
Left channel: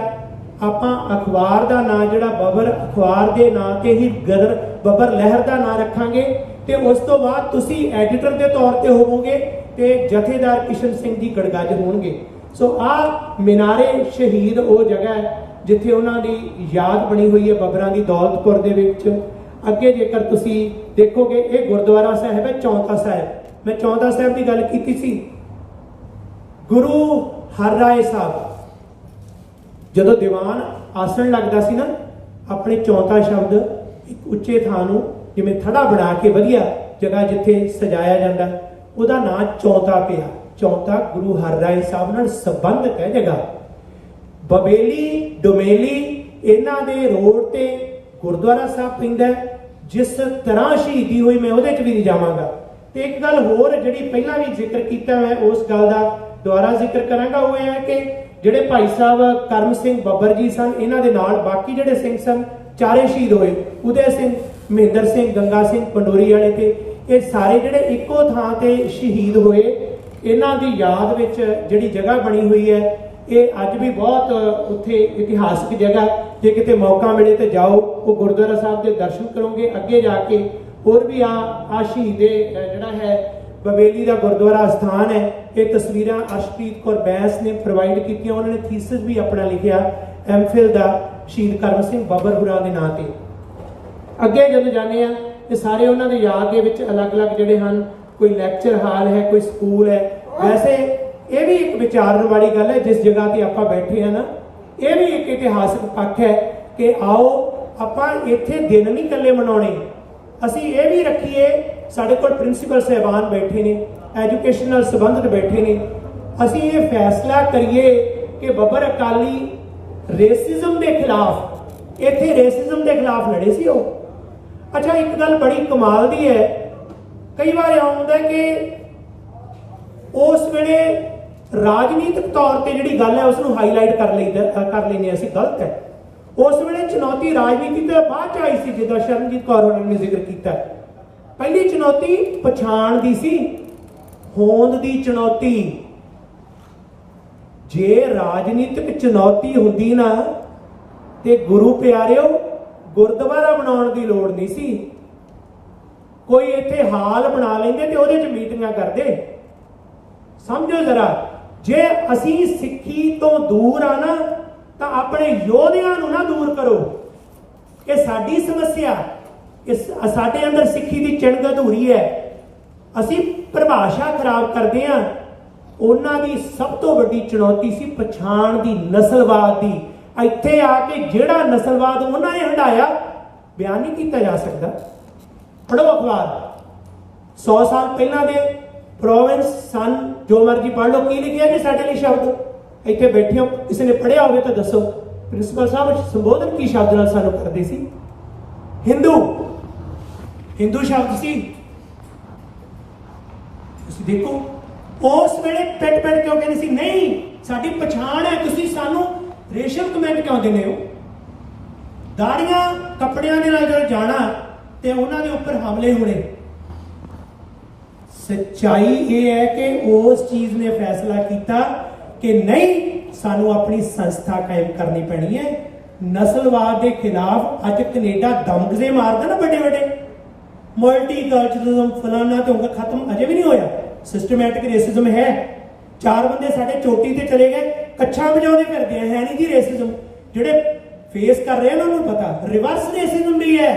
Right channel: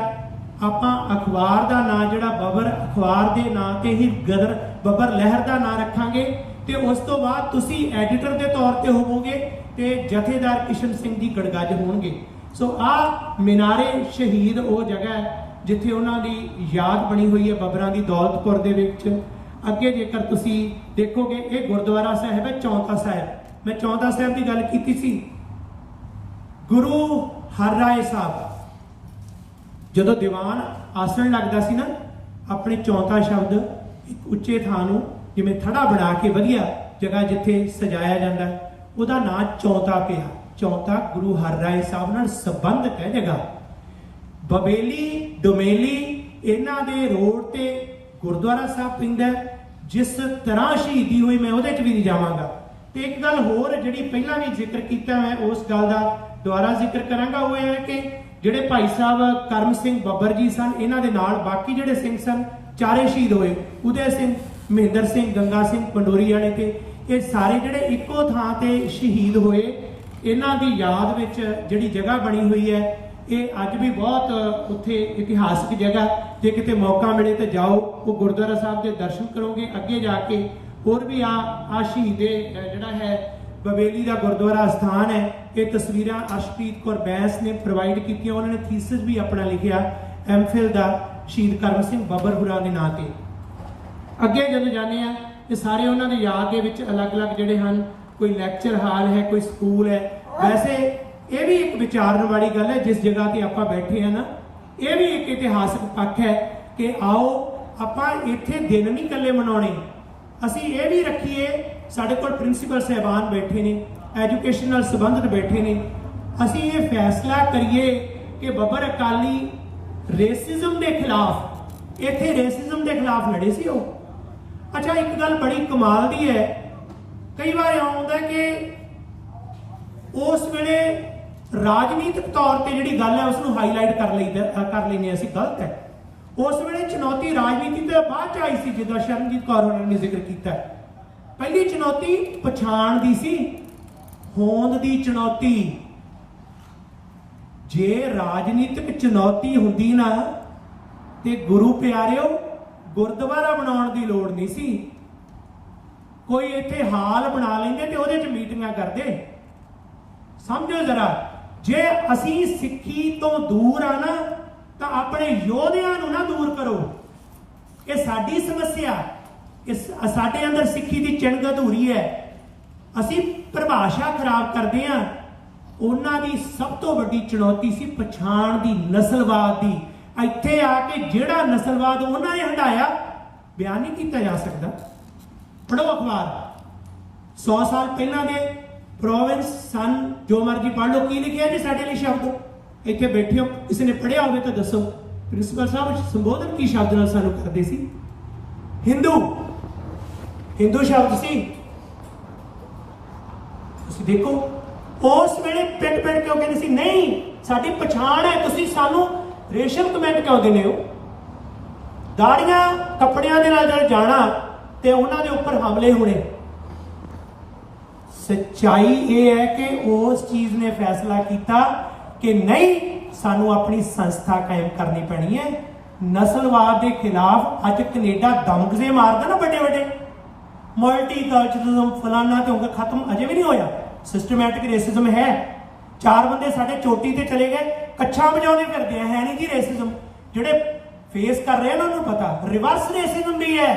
आपां अखबार का नाम जिहड़ा बबर अखबार के नाम ते ही गदर बबर लहर का नाम रखांगे, ते उस तो बाद तुसीं एडिटर के तौर पर होवोगे ते जथेदार किशन सिंह जी गड़गज होणगे। सो आ मीनारे शहीद वो जगह है जिथे उन्हों की याद बनी हुई है बबरां दी दौलतपुर दे विच। ਅੱਗੇ ਜੇਕਰ ਤੁਸੀਂ ਦੇਖੋਗੇ ਇਹ ਗੁਰਦੁਆਰਾ ਸਾਹਿਬ ਹੈ ਚੌਂਤਾ ਸਾਹਿਬ। ਮੈਂ ਚੌਂਤਾ ਸਾਹਿਬ ਦੀ ਗੱਲ ਕੀਤੀ ਸੀ। ਗੁਰੂ ਹਰਰਾਏ ਸਾਹਿਬ ਜਦੋਂ ਦੀਵਾਨ ਆਸਣ ਲੱਗਦਾ ਸੀ ਨਾ, ਆਪਣੇ ਚੌਂਤਾ ਸ਼ਬਦ ਇੱਕ ਉੱਚੇ ਥਾਂ ਨੂੰ ਜਿਵੇਂ ਥੜਾ ਬਣਾ ਕੇ ਵਧੀਆ ਜਗ੍ਹਾ ਜਿੱਥੇ ਸਜਾਇਆ ਜਾਂਦਾ, ਉਹਦਾ ਨਾਂ ਚੌਂਤਾ ਪਿਆ। ਚੌਂਤਾ ਗੁਰੂ ਹਰਰਾਏ ਸਾਹਿਬ ਨਾਲ ਸੰਬੰਧਿਤ ਹੈ ਜਗ੍ਹਾ। ਬਬੇਲੀ ਡੋਮੇਲੀ ਇਹਨਾਂ ਦੇ ਰੋਡ ਤੇ ਗੁਰਦੁਆਰਾ ਸਾਹਿਬ ਪੈਂਦਾ। ਜਿਸ ਤਰ੍ਹਾਂ ਸ਼ਹੀਦੀ ਹੋਈ ਮੈਂ ਉਹਦੇ 'ਚ ਵੀ ਨਹੀਂ ਜਾਵਾਂਗਾ। ਤੇ ਇੱਕ ਗੱਲ ਹੋਰ ਜਿਹੜੀ ਪਹਿਲਾਂ ਵੀ ਜ਼ਿਕਰ ਕੀਤਾ, ਮੈਂ ਉਸ ਗੱਲ ਦਾ ਦੁਬਾਰਾ ਜ਼ਿਕਰ ਕਰਾਂਗਾ। ਉਹ ਇਹ ਹੈ ਕਿ ਜਿਹੜੇ ਭਾਈ ਸਾਹਿਬ ਕਰਮ ਸਿੰਘ ਬੱਬਰ ਜੀ ਸਨ, ਇਹਨਾਂ ਦੇ ਨਾਲ ਬਾਕੀ ਜਿਹੜੇ ਸਿੰਘ ਸਨ ਚਾਰੇ ਸ਼ਹੀਦ ਹੋਏ। ਉਦੈ ਸਿੰਘ, ਮਹਿੰਦਰ ਸਿੰਘ, ਗੰਗਾ ਸਿੰਘ ਪੰਡੋਰੀ ਵਾਲੇ ਤੇ ਇਹ ਸਾਰੇ ਜਿਹੜੇ ਇੱਕੋ ਥਾਂ ਤੇ ਸ਼ਹੀਦ ਹੋਏ, ਇਹਨਾਂ ਦੀ ਯਾਦ ਵਿੱਚ ਜਿਹੜੀ ਜਗ੍ਹਾ ਬਣੀ ਹੋਈ ਹੈ, ਇਹ ਅੱਜ ਵੀ ਬਹੁਤ ਉੱਥੇ ਇਤਿਹਾਸਕ ਜਗ੍ਹਾ। ਜੇ ਕਿਤੇ ਮੌਕਾ ਮਿਲੇ ਤਾਂ ਜਾਓ, ਉਹ ਗੁਰਦੁਆਰਾ ਸਾਹਿਬ ਦੇ ਦਰਸ਼ਨ ਕਰੋਗੇ। ਅੱਗੇ ਜਾ ਕੇ ਹੋਰ ਵੀ ਆ ਸ਼ਹੀਦੇ ਜਿਹੜਾ ਹੈ ਬਵੇਲੀ ਦਾ ਗੁਰਦੁਆਰਾ ਸਥਾਨ ਹੈ। ਇਹ ਤਸਵੀਰਾਂ ਅਰਸ਼ਪ੍ਰੀਤ ਕੌਰ ਬੈਂਸ ਨੇ ਪ੍ਰੋਵਾਈਡ ਕੀਤੀਆਂ। ਉਹਨਾਂ ਨੇ ਥੀਸਿਸ ਵੀ ਆਪਣਾ ਲਿਖਿਆ ਐਮਫਿਲ ਦਾ ਸ਼ਹੀਦ ਕਰਮ ਸਿੰਘ ਬੱਬਰ ਹੁਰਾਂ ਦੇ ਨਾਂ ਤੇ। ਅੱਗੇ ਜਦੋਂ ਜਾਂਦੇ ਆ ਇਹ ਸਾਰੇ ਉਹਨਾਂ ਦੇ ਯਾਦ ਦੇ ਵਿੱਚ ਅਲੱਗ-ਅਲੱਗ ਜਿਹੜੇ ਹਨ, ਕੋਈ ਲੈਕਚਰ ਹਾਲ ਹੈ, ਕੋਈ ਸਕੂਲ ਹੈ। ਵੈਸੇ ਇਹ ਵੀ ਇੱਕ ਵਿਚਾਰਨ ਵਾਲੀ ਗੱਲ ਹੈ, ਜਿਸ ਜਗ੍ਹਾ ਤੇ ਆਪਾਂ ਬੈਠੇ ਆ ਨਾ, ਇਹ ਵੀ ਇੱਕ ਇਤਿਹਾਸਕ ਪੱਖ ਹੈ ਕਿ ਆਓ ਆਪਾਂ ਇੱਥੇ ਦਿਨ ਨਹੀਂ ਇਕੱਲੇ ਮਨਾਉਣੇ, ਅਸੀਂ ਇਹ ਵੀ ਰੱਖੀਏ। ਸਾਡੇ ਕੋਲ ਪ੍ਰਿੰਸੀਪਲ ਸਾਹਿਬਾਨ ਬੈਠੇ ਨੇ, ਐਜੂਕੇਸ਼ਨ ਨਾਲ ਸੰਬੰਧਿਤ ਬੈਠੇ ਨੇ, ਅਸੀਂ ਇਹ ਫੈਸਲਾ ਕਰੀਏ ਕਿ ਬੱਬਰ ਅਕਾਲੀ ਰੇਸਿਜ਼ਮ ਦੇ ਖਿਲਾਫ, ਇੱਥੇ ਰੇਸਿਜ਼ਮ ਦੇ ਖਿਲਾਫ ਲੜੇ ਸੀ ਉਹ। ਅੱਛਾ, ਇੱਕ ਗੱਲ ਬੜੀ ਕਮਾਲ ਦੀ ਹੈ, ਕਈ ਵਾਰ ਆਉਂਦਾ ਕਿ ਉਸ ਵੇਲੇ ਰਾਜਨੀਤਿਕ ਤੌਰ ਤੇ ਜਿਹੜੀ ਗੱਲ ਹੈ ਉਸ ਨੂੰ ਹਾਈਲਾਈਟ ਕਰ ਲੈਂਦੇ ਅਸੀਂ, ਗਲਤ ਹੈ। ਉਸ ਵੇਲੇ ਚੁਣੌਤੀ ਰਾਜਨੀਤੀ ਤੋਂ ਬਾਅਦ ਚ ਆਈ ਸੀ, ਜਿੱਦਾਂ ਸ਼ਰਨਜੀਤ ਕੌਰ ਹੋਰਾਂ ਨੇ ਜ਼ਿਕਰ ਕੀਤਾ। ਪਹਿਲੀ ਚੁਣੌਤੀ ਪਛਾਣ ਦੀ ਸੀ, ਹੋਂਦ ਦੀ ਚੁਣੌਤੀ। ਜੇ ਰਾਜਨੀਤਿਕ ਚੁਣੌਤੀ ਹੁੰਦੀ ਨਾ ਤੇ ਗੁਰੂ ਪਿਆਰਿਓ ਗੁਰਦੁਆਰਾ ਬਣਾਉਣ ਦੀ ਲੋੜ ਨਹੀਂ ਸੀ। ਕੋਈ ਇੱਥੇ ਹਾਲ ਬਣਾ ਲੈਂਦੇ ਤੇ ਉਹਦੇ 'ਚ ਮੀਟਿੰਗਾਂ ਕਰਦੇ। ਸਮਝੋ ਜ਼ਰਾ, ਜੇ ਅਸੀਂ ਸਿੱਖੀ ਤੋਂ ਦੂਰ ਆ ਨਾ ਤਾਂ ਆਪਣੇ ਯੋਧਿਆਂ ਨੂੰ ਨਾ ਦੂਰ ਕਰੋ। ਇਹ ਸਾਡੀ ਸਮੱਸਿਆ, ਸਾਡੇ ਅੰਦਰ ਸਿੱਖੀ ਦੀ ਚਿੰਗ ਅਧੂਰੀ ਹੈ। ਅਸੀਂ ਪਰਿਭਾਸ਼ਾ ਖਰਾਬ ਕਰਦੇ ਹਾਂ। ਉਹਨਾਂ ਦੀ ਸਭ ਤੋਂ ਵੱਡੀ ਚੁਣੌਤੀ ਸੀ ਪਛਾਣ ਦੀ, ਨਸਲਵਾਦ ਦੀ। ਇੱਥੇ ਆ ਕੇ ਜਿਹੜਾ ਨਸਲਵਾਦ ਉਹਨਾਂ ਨੇ ਹੰਢਾਇਆ ਬਿਆਨ ਨਹੀਂ ਕੀਤਾ ਜਾ ਸਕਦਾ। ਪੜ੍ਹੋ ਅਖਬਾਰ, 100 ਸਾਲ ਪਹਿਲਾਂ ਦੇ ਪ੍ਰੋਵਿੰਸ ਸਨ, ਜੋ ਮਰਜੀ ਪੜ੍ਹ ਲਓ। ਕੀ ਲਿਖਿਆ ਜੀ ਸਾਡੇ ਲਈ ਸ਼ਬਦ? ਇੱਥੇ ਬੈਠੇ ਹੋ, ਕਿਸੇ ਨੇ ਪੜ੍ਹਿਆ ਹੋਵੇ ਤਾਂ ਦੱਸੋ। ਪ੍ਰਿੰਸੀਪਲ ਸਾਹਿਬ ਸੰਬੋਧਨ ਕੀ ਸ਼ਬਦ ਨਾਲ ਸਾਨੂੰ ਕਰਦੇ ਸੀ? ਹਿੰਦੂ, ਹਿੰਦੂ ਸ਼ਬਦ ਸੀ। ਤੁਸੀਂ ਦੇਖੋ ਉਸ ਵੇਲੇ ਪਿੱਟ ਕਿਉਂ ਕਹਿੰਦੇ ਸੀ? ਨਹੀਂ, ਸਾਡੀ ਪਛਾਣ ਹੈ, ਤੁਸੀਂ ਸਾਨੂੰ ਰੇਸ਼ਮ ਕਮੈਂਟ ਕਿਉਂ ਦਿੰਦੇ ਹੋ? ਦਾੜੀਆਂ ਕੱਪੜਿਆਂ ਦੇ ਨਾਲ ਜਦੋਂ ਜਾਣਾ ਤੇ ਉਹਨਾਂ ਦੇ ਉੱਪਰ ਹਮਲੇ ਹੋਣੇ। ਸੱਚਾਈ ਇਹ ਹੈ ਕਿ ਉਸ ਚੀਜ਼ ਨੇ ਫੈਸਲਾ ਕੀਤਾ ਕਿ ਨਹੀਂ, ਸਾਨੂੰ ਆਪਣੀ ਸੰਸਥਾ ਕਾਇਮ ਕਰਨੀ ਪੈਣੀ ਹੈ। ਨਸਲਵਾਦ ਦੇ ਖਿਲਾਫ ਅੱਜ ਕੈਨੇਡਾ ਦਮਗਜ਼ੇ ਮਾਰਦਾ ਨਾ, ਵੱਡੇ ਵੱਡੇ ਮਲਟੀਕਲਚਰਲਿਜ਼ਮ ਫਲਾਨਾ ਤੇ ਖਤਮ ਅਜੇ ਵੀ ਨਹੀਂ ਹੋਇਆ। ਸਿਸਟਮੈਟਿਕ ਰੇਸਿਜ਼ਮ ਹੈ। 4 ਬੰਦੇ ਸਾਡੇ ਚੋਟੀ ਤੇ ਚਲੇ ਗਏ, ਕੱਛਾਂ ਵਜਾਉਂਦੇ ਫਿਰਦੇ ਆ, ਹੈ ਨਹੀਂ ਜੀ ਰੇਸਿਜ਼ਮ। ਜਿਹੜੇ ਫੇਸ ਕਰ ਰਹੇ ਉਹਨਾਂ ਨੂੰ ਪਤਾ ਰਿਵਰਸ ਰੇਸਿਜ਼ਮ ਵੀ ਹੈ।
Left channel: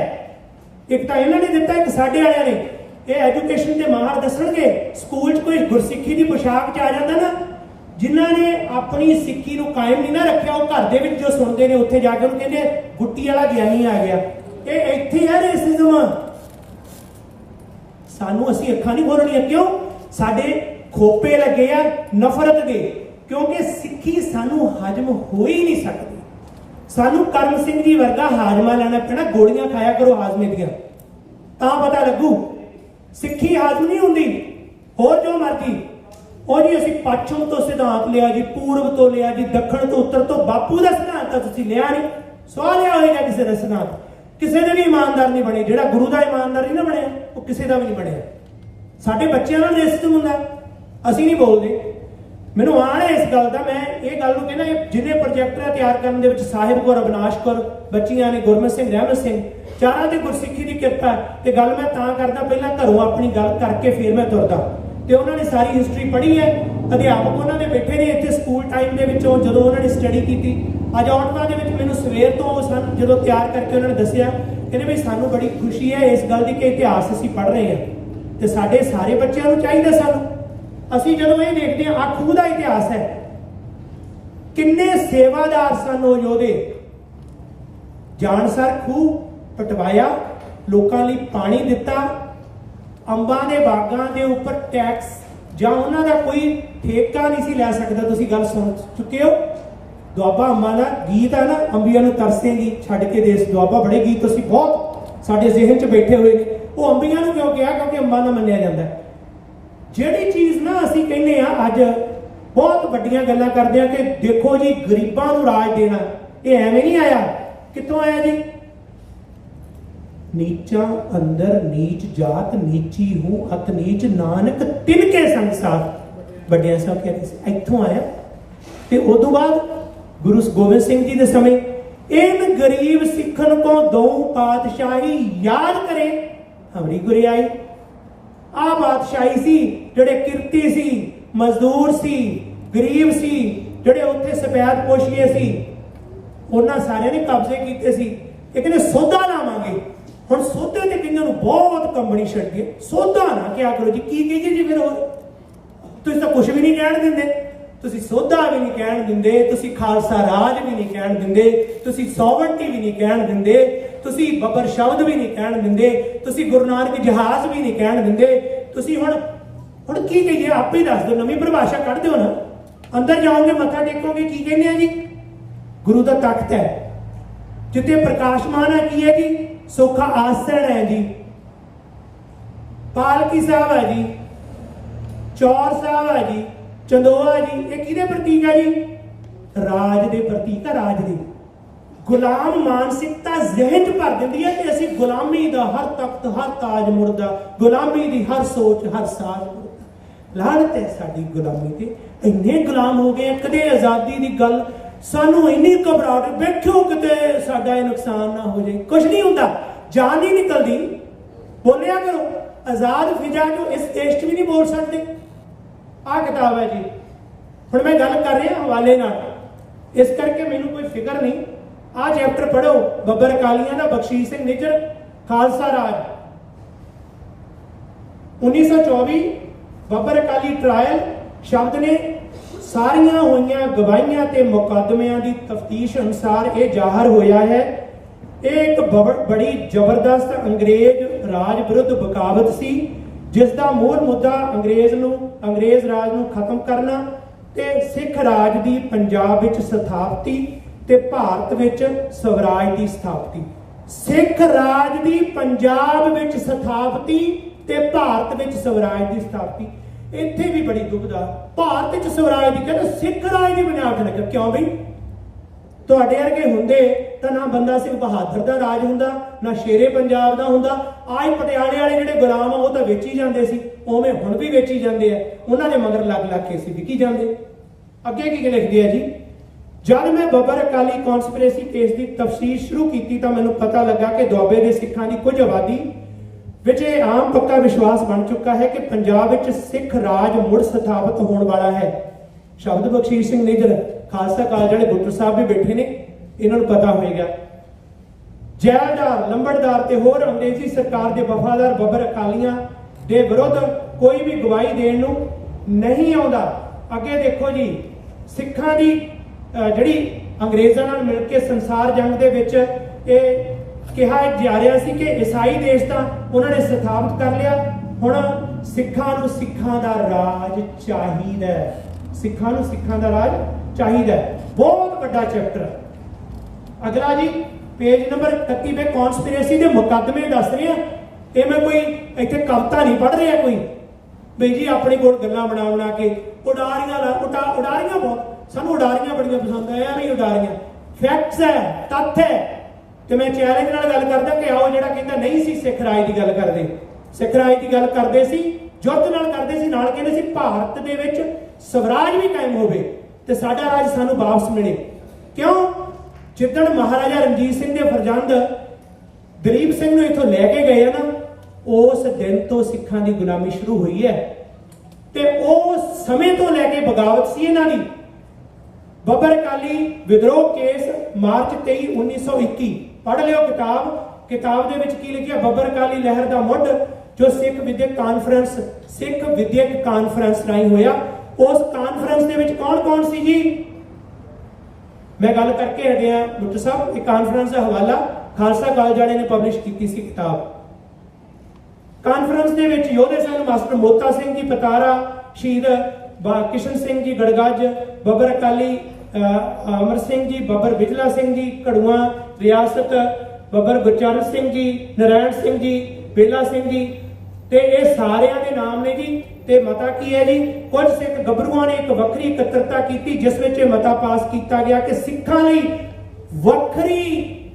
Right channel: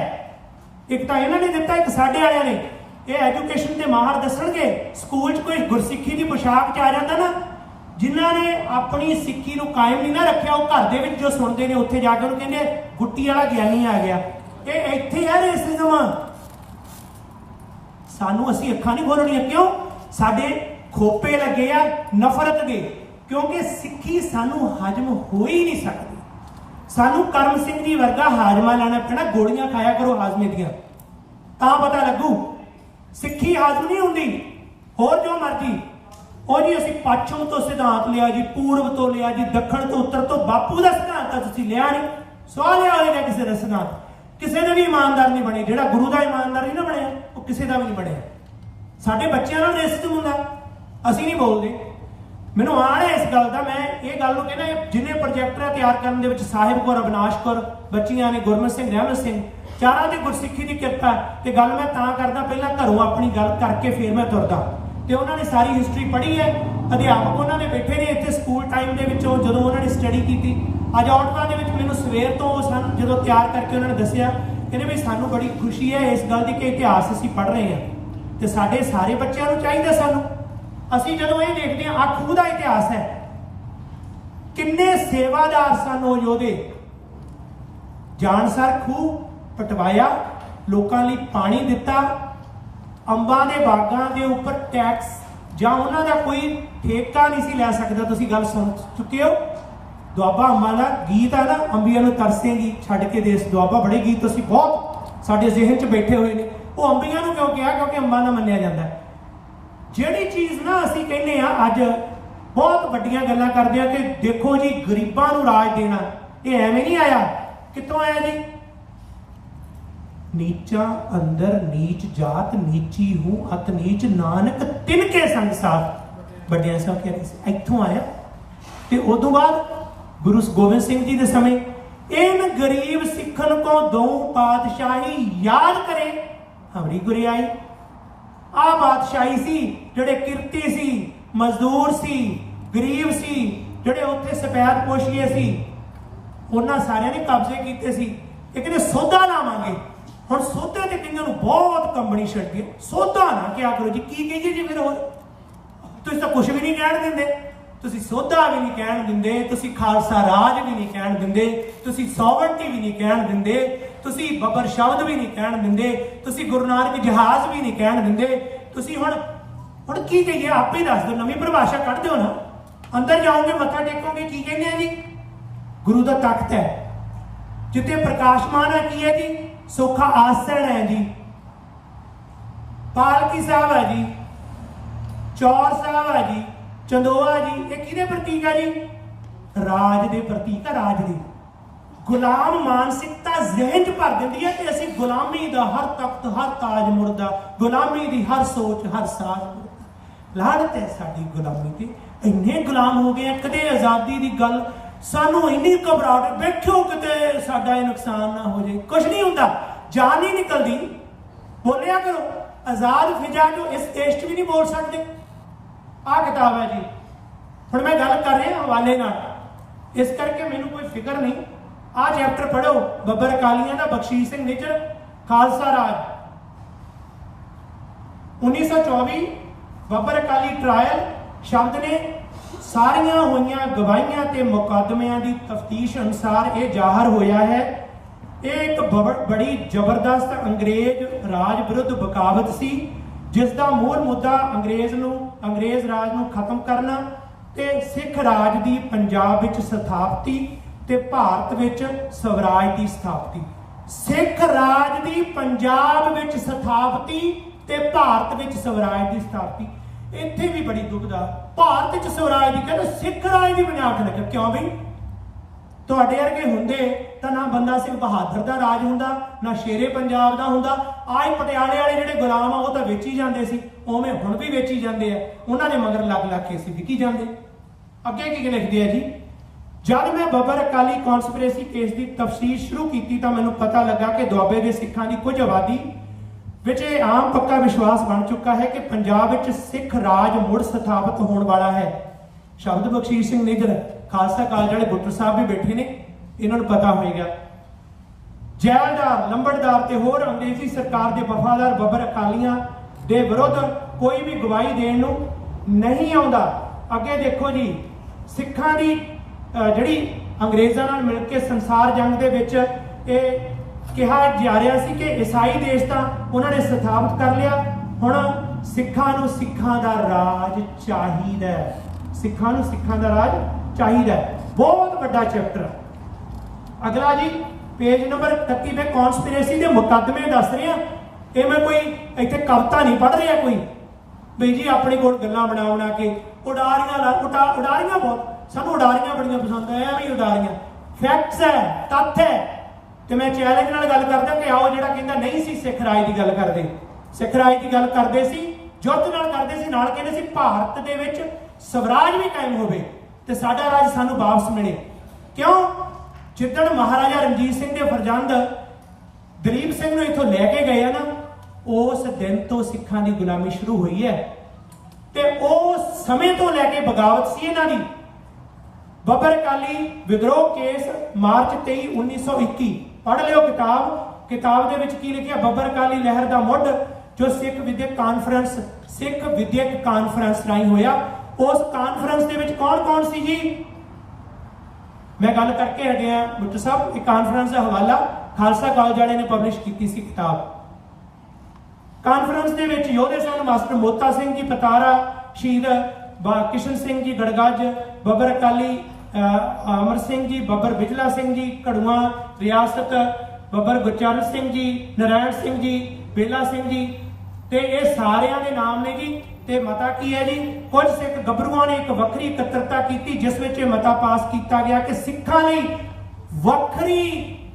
ਇੱਕ ਤਾਂ ਇਹਨਾਂ ਨੇ ਦਿੱਤਾ, ਇੱਕ ਸਾਡੇ ਵਾਲਿਆਂ ਨੇ। ਇਹ ਐਜੂਕੇਸ਼ਨ ਦੇ ਮਾਹਰ ਦੱਸਣਗੇ। ਸਕੂਲ 'ਚ ਕੋਈ ਗੁਰਸਿੱਖੀ ਦੀ ਪੋਸ਼ਾਕ 'ਚ ਆ ਜਾਂਦਾ ਨਾ, ਜਿਨ੍ਹਾਂ ਨੇ ਆਪਣੀ ਸਿੱਖੀ ਨੂੰ ਕਾਇਮ ਨਹੀਂ ਨਾ ਰੱਖਿਆ, ਉਹ ਘਰ ਦੇ ਵਿੱਚ ਜੋ ਸੁਣਦੇ ਨੇ ਉੱਥੇ ਜਾ ਕੇ ਉਹਨੂੰ ਕਹਿੰਦੇ ਗੁੱਟੀ ਵਾਲਾ ਗਿਆਨੀ ਆ ਗਿਆ। ਇਹ ਇੱਥੇ ਹੈ ਰੇਸਿਜ਼ਮ। ਸਾਨੂੰ ਅਸੀਂ ਅੱਖਾਂ ਨਹੀਂ ਖੋਲਣੀਆਂ। ਕਿਉਂ? ਸਾਡੇ ਖੋਪੇ ਲੱਗੇ ਆ ਨਫ਼ਰਤ ਦੇ, ਕਿਉਂਕਿ ਸਿੱਖੀ ਸਾਨੂੰ ਹਜਮ ਹੋ ਹੀ ਨਹੀਂ ਸਕਦੀ। ਸਾਨੂੰ ਕਰਮ ਸਿੰਘ ਜੀ ਵਰਗਾ ਹਾਜ਼ਮਾ ਲੈਣਾ ਪੈਣਾ। ਗੋਲੀਆਂ ਖਾਇਆ ਕਰੋ ਹਾਜ਼ਮੇ ਦੀਆਂ, ਤਾਂ ਪਤਾ ਲੱਗੂ। ਸਿੱਖੀ ਹਾਜ਼ਮ ਨਹੀਂ ਹੁੰਦੀ। ਹੋਰ ਜੋ ਮਰਜੀ ਉਹ ਜੀ ਅਸੀਂ ਪੱਛਮ ਤੋਂ ਸਿਧਾਂਤ ਲਿਆ ਜੀ, ਪੂਰਬ ਤੋਂ ਲਿਆ ਜੀ, ਦੱਖਣ ਤੋਂ ਉੱਤਰ ਤੋਂ। ਬਾਪੂ ਦਾ ਸਿਧਾਂਤ ਤਾਂ ਤੁਸੀਂ ਲਿਆ ਨਹੀਂ, ਸਵਾਲ ਲਿਆ ਹੋਏਗਾ ਕਿਸੇ ਦਾ ਸਿਧਾਂਤ। ਕਿਸੇ ਨੇ ਵੀ ਇਮਾਨਦਾਰ ਨਹੀਂ ਬਣੇ। ਜਿਹੜਾ ਗੁਰੂ ਦਾ ਇਮਾਨਦਾਰ ਨਹੀਂ ਨਾ ਬਣਿਆ, ਉਹ ਕਿਸੇ ਦਾ ਵੀ ਨਹੀਂ ਬਣਿਆ। ਸਾਡੇ ਬੱਚਿਆਂ ਨਾਲ ਰੇਸਿਜ਼ਮ ਹੁੰਦਾ, ਅਸੀਂ ਨਹੀਂ ਬੋਲਦੇ। ਮੈਨੂੰ ਆਣ ਹੈ ਇਸ ਗੱਲ ਦਾ। ਮੈਂ ਇਹ ਗੱਲ ਨੂੰ ਕਹਿੰਦਾ, ਜਿਹਨੇ ਪ੍ਰੋਜੈਕਟਰਾਂ ਤਿਆਰ ਕਰਨ ਦੇ ਵਿੱਚ ਸਾਹਿਬ ਕੌਰ, ਅਵਿਨਾਸ਼ ਕੌਰ ਬੱਚੀਆਂ ਨੇ, ਗੁਰਮਤ ਸਿੰਘ, ਰਹਿਮਤ ਸਿੰਘ, ਚਾਰਾਂ ਦੇ ਗੁਰਸਿੱਖੀ ਦੀ ਕਿਰਪਾ। ਤੇ ਗੱਲ ਮੈਂ ਤਾਂ ਕਰਦਾ, ਪਹਿਲਾਂ ਘਰੋਂ ਆਪਣੀ ਗੱਲ ਕਰਕੇ ਫਿਰ ਮੈਂ ਤੁਰਦਾ। ਤੇ ਉਹਨਾਂ ਨੇ ਸਾਰੀ ਹਿਸਟਰੀ ਪੜ੍ਹੀ ਹੈ। ਅਧਿਆਪਕ ਉਹਨਾਂ ਦੇ ਬੈਠੇ ਨੇ ਇੱਥੇ ਸਕੂਲ ਟਾਈਮ ਦੇ ਵਿੱਚੋਂ, ਜਦੋਂ ਉਹਨਾਂ ਨੇ ਸਟੱਡੀ ਕੀਤੀ। ਅੱਜ ਆਉਟਵਾ ਦੇ ਵਿੱਚ ਮੈਨੂੰ ਸਵੇਰ ਤੋਂ ਜਦੋਂ ਤਿਆਰ ਕਰਕੇ ਉਹਨਾਂ ਨੇ ਦੱਸਿਆ ਕਹਿੰਦੇ ਵੀ ਸਾਨੂੰ ਬੜੀ ਖੁਸ਼ੀ ਹੈ ਇਸ ਗੱਲ ਦੀ ਕਿ ਇਤਿਹਾਸ ਅਸੀਂ ਪੜ੍ਹ ਰਹੇ ਹਾਂ ਤੇ ਸਾਡੇ ਸਾਰੇ ਬੱਚਿਆਂ ਨੂੰ ਚਾਹੀਦਾ ਸਾਨੂੰ। ਅਸੀਂ ਜਦੋਂ ਇਹ ਦੇਖਦੇ ਹਾਂ ਖੂਹ ਦਾ ਇਤਿਹਾਸ ਹੈ, ਕਿੰਨੇ ਸੇਵਾਦਾਰ ਸਨ ਉਹ ਯੋਧੇ। ਜਾਨਸਰ ਖੂਹ ਪਟਵਾਇਆ, ਲੋਕਾਂ ਲਈ ਪਾਣੀ ਦਿੱਤਾ, ਅੰਬਾਂ ਦੇ ਬਾਗਾਂ ਦੇ ਉੱਪਰ ਟੈਕਸ ਜਾਂ ਉਹਨਾਂ ਦਾ ਕੋਈ ਠੇਕਾ ਨਹੀਂ ਸੀ ਲੈ ਸਕਦਾ। ਤੁਸੀਂ ਗੱਲ ਸੁਣ ਚੁੱਕੇ ਹੋ, ਦੁਆਬਾ ਅੰਬਾਂ ਦਾ ਗੀਤ ਹੈ ਨਾ, ਅੰਬੀਆਂ ਨੂੰ ਤਰਸੇਂਗੀ ਛੱਡ ਕੇ ਦੇਸ ਦੁਆਬਾ, ਬੜੇ ਗੀਤ ਤੁਸੀਂ ਬਹੁਤ ਸਾਡੇ ਜ਼ਿਹਨ 'ਚ ਬੈਠੇ ਹੋਏ ਨੇ। ਉਹ ਅੰਬੀਆਂ ਨੂੰ ਕਿਉਂ ਕਿਹਾ? ਕਿਉਂਕਿ ਅੰਬਾਂ ਦਾ ਮੰਨਿਆ ਜਾਂਦਾ। ਜਿਹੜੀ ਚੀਜ਼ ਨਾ ਅਸੀਂ ਕਹਿੰਦੇ ਆ ਅੱਜ ਬਹੁਤ ਵੱਡੀਆਂ ਗੱਲਾਂ ਕਰਦੇ ਆ ਕਿ ਦੇਖੋ ਜੀ ਗਰੀਬਾਂ ਨੂੰ ਰਾਜ ਦੇਣਾ, ਇਹ ਐਵੇਂ ਨਹੀਂ ਆਇਆ। ਕਿੱਥੋਂ ਆਇਆ ਜੀ? ਨੀਚਾ ਅੰਦਰ ਨੀਚ ਜਾਤ, ਨੀਚੀ ਹੂੰ ਅਤ ਨੀਚ, ਨਾਨਕ ਤਿਨਕੇ ਸੰਗ ਸਾਥ। ਵੱਡਿਆਂ ਸਾਹਿਬ ਕਹਿੰਦੇ ਸੀ ਇੱਥੋਂ ਆਇਆ। ਤੇ ਉਦੋਂ ਬਾਅਦ ਗੁਰੂ ਗੋਬਿੰਦ ਸਿੰਘ ਜੀ ਦੇ ਸਮੇਂ इन गरीब सिखन को दो पातशाही याद करे हमारी गुरियाई। आ बादशाही सी जड़े किरती सी, मजदूर सी, गरीब सी, जड़े उत्थे सफैद पोशिए सी, उन्हां सारियां ने कब्जे कीते सी। एक ने सौदा लावांगे, हुण सौदे ते कईयां नूं बहुत कंबनी छड़ गई। सौदा ना क्या करो जी, की कहिए जी? फिर हो तुसीं तां कुछ भी नहीं कहण दिंदे, तुसीं सौदा भी नहीं कहण दिंदे, तुसीं खालसा राज भी नहीं कहण दिंदे, तुसीं सॉवरनिटी भी नहीं कहण दिंदे, तुसीं बबर शब्द भी नहीं कहण दिंदे, तुसीं गुरु नानक जहाज भी नहीं कहण दिंदे। तुसीं हुण की कहिए? आपे ही दस दो, नवीं परिभाषा कढ दिओ ना। अंदर जाओगे मत्था टेकोगे, की कहने हैं जी? गुरु का तख्त है जिते प्रकाशमान है, की है जी? सुखा आसन है जी, पालकी साहब है जी, चौर साहब है जी, चंदोआ जी। ये किहदे प्रतीक है जी? राज दे प्रतीक है, राज दे। गुलाम मानसिकता जहन च भर दिंदी है कि असीं गुलामी दा हर तख्त हर ताज मुड़दा, गुलामी दी हर सोच हर साज मुड़दा। लानत है साडी गुलामी ते, इन्ने गुलाम हो गए। कदे आजादी दी गल सानू इन्नी घबराहट, बैठो किते साडा नुकसान ना हो जाए। कुछ नहीं हुंदा, जान नहीं निकलदी। बोलिया करो, आजाद फिजा जो इस देश च भी नहीं बोल सकते। आ किताब है जी, हुण मैं गल कर रहा हवाले नाल, इस करके मैनू कोई फिक्र नहीं। आ चैप्टर पढ़ो, बब्बर अकालियां दा, बख्शीश सिंह निज्जर, खालसा राज 1924, बब्बर अकाली ट्रायल शब्द ने सारियां होईयां गवाहियां ते मुकदमियां दी तफ्तीश अनुसार ये जाहिर होया है ये एक बड़ी जबरदस्त अंग्रेज राज विरुद्ध बगावत सी, जिसका मूल मुद्दा अंग्रेज राज नूं खत्म करना ते सिख राज दी पंजाब विच स्थापति ते भारत विच स्वराज दी स्थापति। सिख राज दी पंजाब विच स्थापति ते भारत विच स्वराज दी स्थापति। इत्थे भी बड़ी दुविधा, भारत विच स्वराज दी कहते सिख राज दी बनावट लगे। क्यों बई? तुहाडे वर्गे हुंदे तां ना बंदा सिंह बहादुर दा राज हुंदा, ना शेरे पंजाब दा हुंदा। आज पटियाले वाले जिहड़े गुलाम आ वो तां वेची जांदे सी, उवें हुण भी वेची जांदे आ। उन्हां दे मगर लग लग के सी विकी जांदे। अगे की लिखदे आ जी, जब मैं बब्बर अकाली कॉन्स्पिरेसी केस की तफसीर शुरू की तो मैनूं पता लगा कि दुआबे के सिखां की कुछ आबादी विच यह आम पक्का विश्वास बन चुका है कि पंजाब विच सिख राज मुड़ स्थापित होने वाला है। शब्द बख्शीश सिंह निज्जर, खालसा कॉलेज वाले बुट्टर साहब भी बैठे ने, इन्होंने पता होएगा। जैलदार, लंबड़दार ते होर अंग्रेजी सरकार के वफादार बब्बर अकालियां दे विरुद्ध कोई भी गवाही देण नूं नहीं आउंदा। अगे देखो जी, सिखां दी जिहड़ी अंग्रेज़ां नाल मिल के संसार जंग दे विच ये कहा जा रहा सी कि ईसाई देश तां उन्होंने स्थापित कर लिया, हुण सिखां नूं सिखां दा राज चाहीदा, सिखां नूं सिखां दा राज चाहीदा। बहुत बड़ा चैप्टर। अगला जी पेज नंबर 31 में कॉन्स्पिरेसी के मुकदमे दस रहे हैं। ये मैं कोई इत्थे कविता नहीं पढ़ रहा कोई बई जी अपने कोल गल्लां बना बना के उडारियां बहुत सानू उडारियां बड़ियां पसंद है, भी उडारियां फैक्ट्स है, तथ्य है। तो मैं चैलेंज नाल गल करदा कि आओ जिहड़ा कहंदा नहीं सी सिख राज की गल करदे, सिख राज की गल करदे सी, युद्ध नाल करदे सी, नाल कहंदे सी भारत दे विच स्वराज भी कायम होवे ते साडा राज सानू वापस मिले। क्यों? जिद्दण महाराजा रणजीत सिंह दे फरजंद दलीप सिंह नूं इत्थों लैके गए ना, उस दिन तो सिखां दी गुलामी शुरू हुई है ते उस समय तो लैके बगावत सी इन्हां दी। बब्बर अकाली विद्रोह केस मार्च 23, 1921 पढ़ लियो किताब, किताब दे विच की लिखिया, बब्बर अकाली लहर दा मुੱਢ जो सिख विद्यक कानफ्रेंस राही होया, उस कानफ्रेंस दे विच कौन कौन सी जी? मैं गल करके हटिया बुੱਟੂ साहब, एक कानफ्रेंस का हवाला खालसा कॉलेज वाले ने पब्लिश की सी किताब। कानफ्रेंस दे विच योधे सन मास्टर मोता सिंह जी पतारा, शहीद किशन सिंह जी गड़गज, बब्बर अकाली अमर सिंह जी, बब्बर बिजला सिंह जी कड़ुआ रियासत, बब्बर गुरचरण सिंह जी, नारायण सिंह जी, बेला सिंह जी, ते ये सारियां दे नाम ने जी। ते मता की है जी, कुछ सिख गभरुआं ने एक वक्री इकत्तरता की जिस विच मता पास किया गया कि सिखां लई वक्री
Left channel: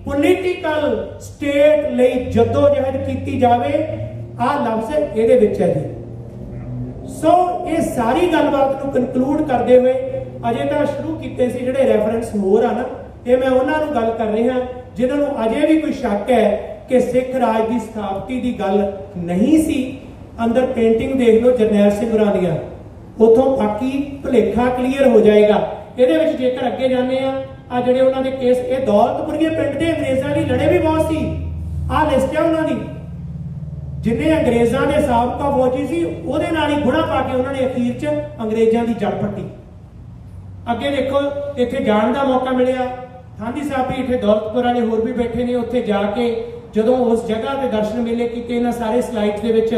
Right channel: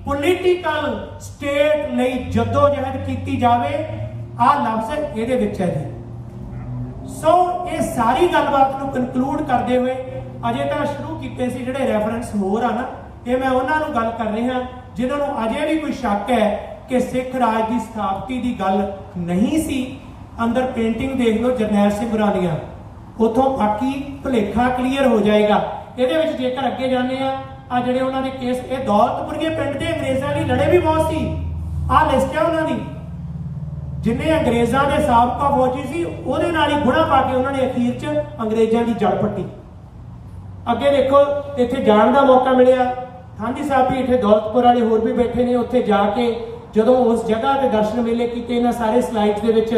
पोलीटिकल स्टेट लई जद्दोजहद की जावे। आ लफ्ज इहदे विच है जी। सो ये सारी गलबात नूं कनकलूड करते हुए अजे तो शुरू किए सी जिहड़े रैफरेंस होर आ ना, ये मैं उन्हां नूं गल कर रहा जिन्हां नूं अजे भी कोई शक है कि सिख राज की स्थापति की गल नहीं सी। अंदर पेंटिंग देख लो जरनैल सिंह होरां दियां, उथों बाकी भुलेखा क्लीयर हो जाएगा। ਇਹਦੇ ਵਿੱਚ जेकर अगे जाने आ ਜਿਹੜੇ ਉਹਨਾਂ ਦੇ केस, ਇਹ दौलतपुरिये पिंड ਦੇ अंग्रेज़ों ਲਈ लड़े भी बहुत सी। आ लिस्ट है ਉਹਨਾਂ ਦੀ, जिन्हें अंग्रेज़ों के साबका फौजी सी ਉਹਦੇ ਨਾਲ ही गुणा पा के उन्होंने अखीर च अंग्रेज़ों की जड़ पट्टी। अगे देखो इत्थे जाण का मौका मिलिया, थांदी साहब भी इत्थे दौलतपुर वाले होर भी बैठे ने, उत्थे जाके जदों उस जगह के दर्शन मेले किए, इन्हां सारे स्लाइड्स दे विच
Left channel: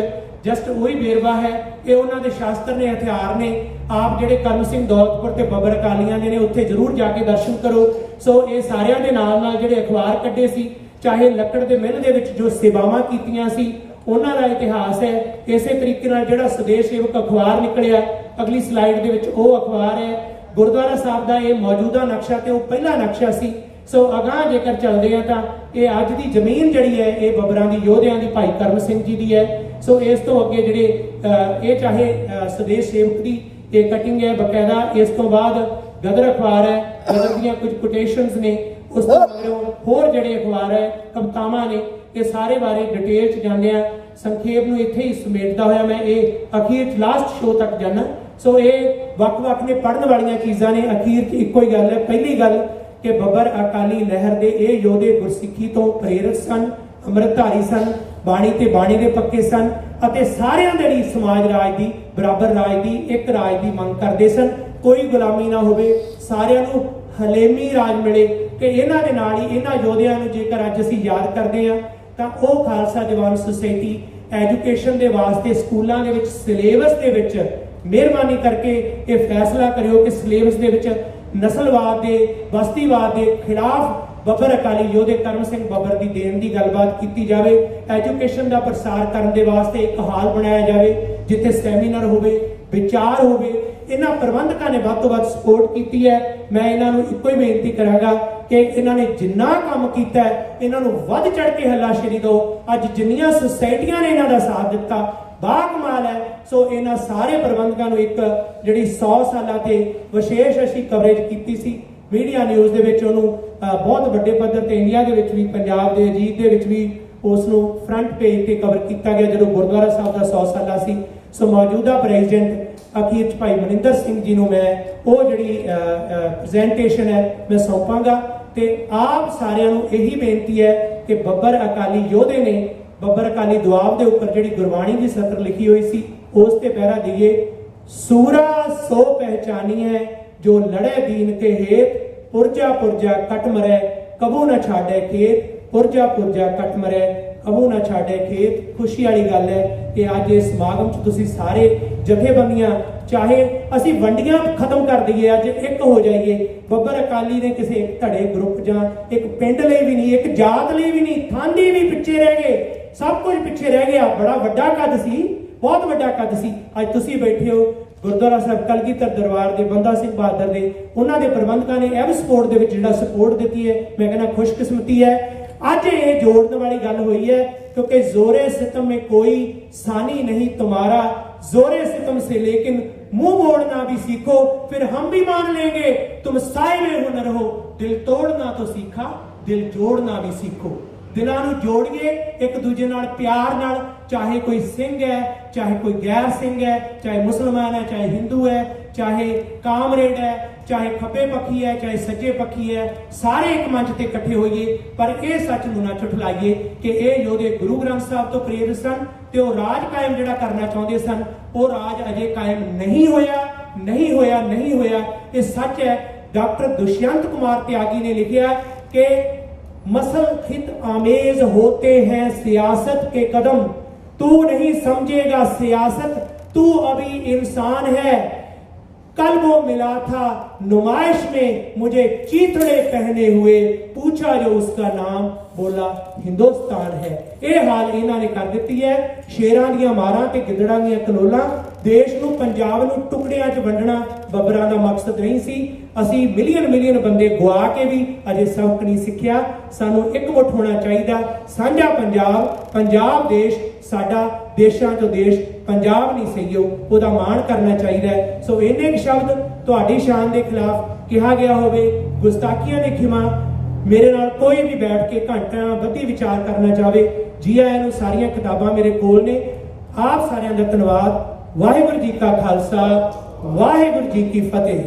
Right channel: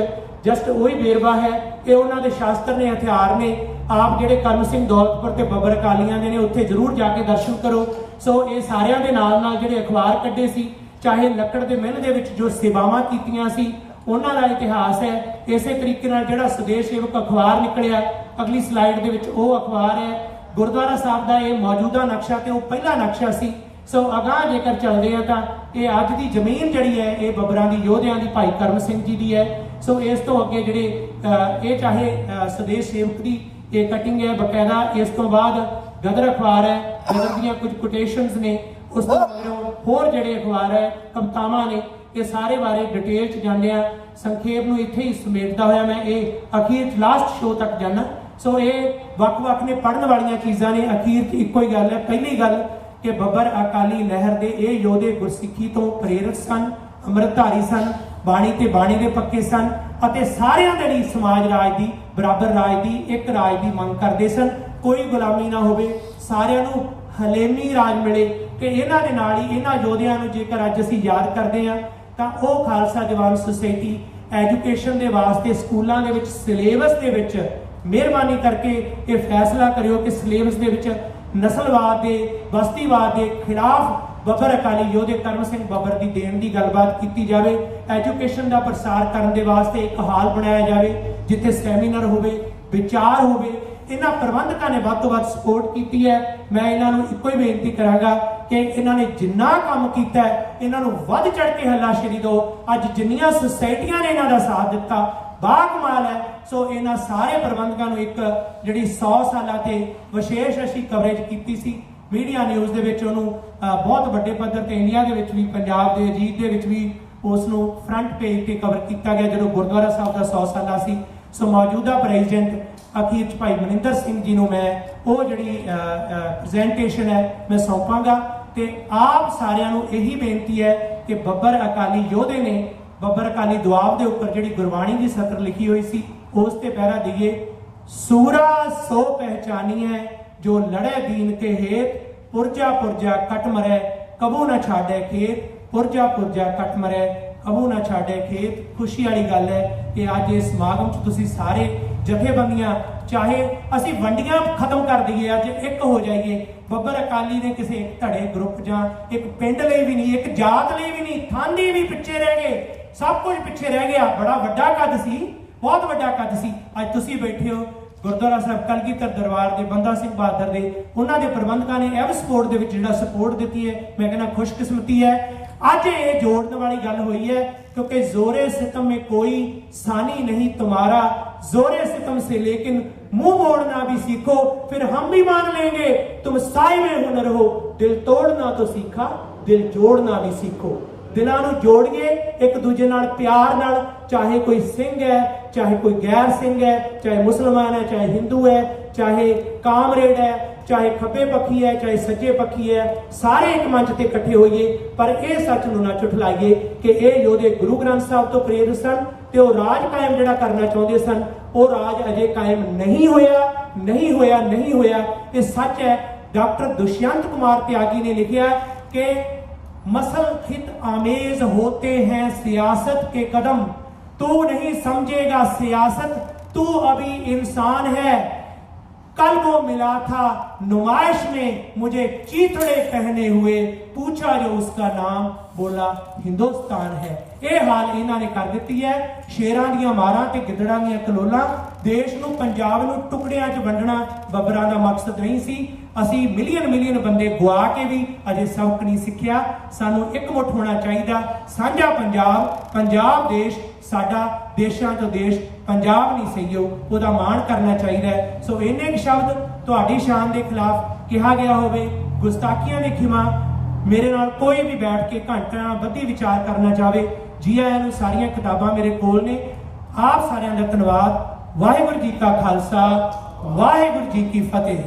जस्ट वही बेरवा है कि उन्होंने शास्त्र ने हथियार ने। आप जिहड़े करम सिंह दौलतपुर ते बब्बर अकालियां दे ने उत्थे जरूर जाके दर्शन करो। सो ये सारियां दे नाल नाल जिहड़े अखबार कड्ढे सी, चाहे लक्कड़ दे मिल दे विच जो सेवावां कीतियां सी उन्हां दा इतिहास है। इसे तरीके नाल जिहड़ा स्वदेश सेवक अखबार निकलिया, अगली स्लाइड दे विच वो अखबार है। गुरुद्वारा साहब का ये मौजूदा नक्शा तो पहला नक्शा सी। सो अगाह जेकर चलते हैं तो ये अज की जमीन जी है ये बब्बरां दी योधियां दी भाई करम सिंह जी की है। सो इस तो अगे जिहड़े ये चाहे स्वदेश सेवक की ये कटिंग है बकायदा, इस तो बाद गदर अखबार है, गदर दीयां कुछ कोटेशनस ने, उस तो मगरों होर जिहड़े अखबार है कवितावां ने, ये सारे बारे डिटेल च जाने आ। संखेप नूं इत्थे ही समेटदा होया मैं ये अखीर लास्ट शो तक जाना। सो ये वक्-वक् ने पढ़न वालियां चीज़ां ने, अखीर च इक्को ही गल है। पहली गल कि बब्बर अकाली लहर दे ये योधे गुरसिੱਖੀ तो प्रेरित सन, अमृतधारी सन, बाणी ते बाणी दे पक्के सन अते सारियां दे लई समाज राज दी बराबर राज दी एक राज दी मंग करदे सन। कोई गुलामी ना होवे, सारियां नूं हलेमी राज मिले कि इन्हां दे नाल ही इन्हां योधियां नूं जेकर अज असीं याद करदे हां तां ओह खालसा जवान सोसाइटी एजुकेशन दे वास्ते स्कूलों के सिलेबस दे विच मेहरबानी करके ये फैसला करियो कि सिलेबस दे विच नस्लवाद के बस्तीवाद के खिलाफ बब्बर अकाली योधे करम सिंह बब्बर की देन की गलबात की जाए। एजुकेशन का प्रसार करने के वास्ते एक हाल बनाया जाए जिथे सैमीनार होवे, विचार होवे। इन्हां प्रबंधकों ने वध तो वध सपोर्ट की है। मैं इन्हों इको ही बेनती करांगा कि इन्होंने जिन्ना काम किया है इन्हों वध चढ़ के हलाशेरी दो। अज जिन्नियां सोसाइटियां ने इन्हां दा साथ दिता बाकमाल है। सो इन्हां सारे प्रबंधकों एक जिहड़ी 100 साल ते विशेष असीं कवरेज की सी मीडिया न्यूज़ दे विच उहनूं बहुत वड्डे पद्धर ते इंडिया दे विच भी पंजाब दे अजीत दे विच भी उसनूं फ्रंट पेज ते कवर किया गया जदों गुरुद्वारा साहब का 100 साला सी। सो मौजूदा प्रेजिडेंट अखीर भाई मनिंदर सिंह जी नूं मैं वो जिहड़ी प्रजेंटेशन है मैं सौंपांगा ते आप सारिआं नूं यही बेनती है कि बब्बर अकाली योधे ने बब्बर अकाली दुआब के उपर जिहड़ी गुरबाणी की सतर लिखी हुई सी उस ते पहरा दिए। सूरा सो पहचानी है जो लड़े दीन के हेत, पुरजा पुरजा कट मरे कबू न छाड़े खेत, पुरजा पुरजा कट मरे कबू न छाड़े खेत। खुशी वाली गल है कि अज इस समागम च तुसीं सारे जथेबंदियां चाहे असी वंडियां खत्म कर दईए, अज एक हो जाइए। बब्बर अकाली ने किसी एक धड़े ग्रुप जां एक पिंड लई भी नहीं, एक जात लई भी नहीं, थानी भी पिछे रह गए, सब कुछ पिछे रह गया। बड़ा वड्डा कद सी, बहुत वड्डा कद सी। अज तुसीं बैठे हो गुरुद्वारा साहब कलगीधर दरबार के बंदा सिंह बहादुर के उन्होंने प्रबंधकों ने एव स्पोर्ट के जिहड़ा सपोर्ट दी है। मैं कहना खुशकिस्मती है अज ये जोड़ने वाली गल हुई है क्योंकि जोरे सितम में कोई सानी नहीं तुम्हारा, जोरे सितम से लेकिन मुंह मोड़ना भी सीखो फिर हम भी मान लेंगे तुम साए में हुनर हो। दिल तोड़ना तो सीखा, दिल जोड़ना भी सीखो। दिलों नूं जोड़िए एक दूजे नाल प्यार नाल, चाहे कोई सिंह है चाहे कोई गैर सिंह है, चाहे मुसलमान है चाहे हिंदू है चाहे कामरेड है ਚਾਹੇ ਖੱਬੇ ਪੱਖੀ ਹੈ ਚਾਹੇ ਸੱਜੇ ਪੱਖੀ ਹੈ, ਸਾਰੇ ਇੱਕ ਮੰਚ ਤੇ ਇਕੱਠੇ ਹੋਈਏ, ਪਰ ਇਹ ਸੱਚ ਨੂੰ ਨਾ ਝੁਠਲਾਈਏ ਕਿ ਇਹ ਯੋਧੇ ਗੁਰੂ ਗ੍ਰੰਥ ਸਾਹਿਬ ਤੋਂ ਪ੍ਰੇਰਿਤ ਸਨ ਤੇ ਉਹ ਰਾਜ ਕਾਇਮ ਜਿਹੜਾ ਕਰਨਾ ਚਾਹੁੰਦੇ ਸਨ, ਉਹ ਰਾਜ ਅਜੇ ਕਾਇਮ ਨਹੀਂ ਹੋਇਆ। ਇਹ ਸੱਚ ਹੈ। डॉक्टर दुष्यंत कुमार त्यागी ने लिखा कि मसल खित आमेज होते हैं सियासत के कदम, तू नहीं समझेगा सियासत, तू अभी इंसान है। कल वो मिला था नुमाइश में मुझे चीथड़े पहने हुए, पूछा जो उसका नाम, बोला हिंदुस्तान है। ये हाल इन्होंने कर दी है। शेरां दियां मारां ते गिदड़ां दियां कलोलां, देश नूं पंजाब नूं टुकड़ियां च वंडना बब्बरां दा मकसद नहीं सी। असी मिलियन बंदे गुआ के भी अजे सबक नहीं सीखिया। सानू एकमुठ होना चाहिए। साझा पंजाब देश साडा, देशां चों देश पंजाब नहीं सही, ओहदा माण करना चाहिए। सो इन्ने शब्द तुहाडी शान के खिलाफ कहा गया होवे, गुस्ताखियां दी खिमा, मेरे नाल कोई भी बैठ के घंटा बधी विचार करना चाहे, जी आयां नूं। सारियां किताबां मेरे कोल ने। आप सारियां दा धन्नवाद। वाहिगुरू जी का खालसा, वाहिगुरू जी की फतेह।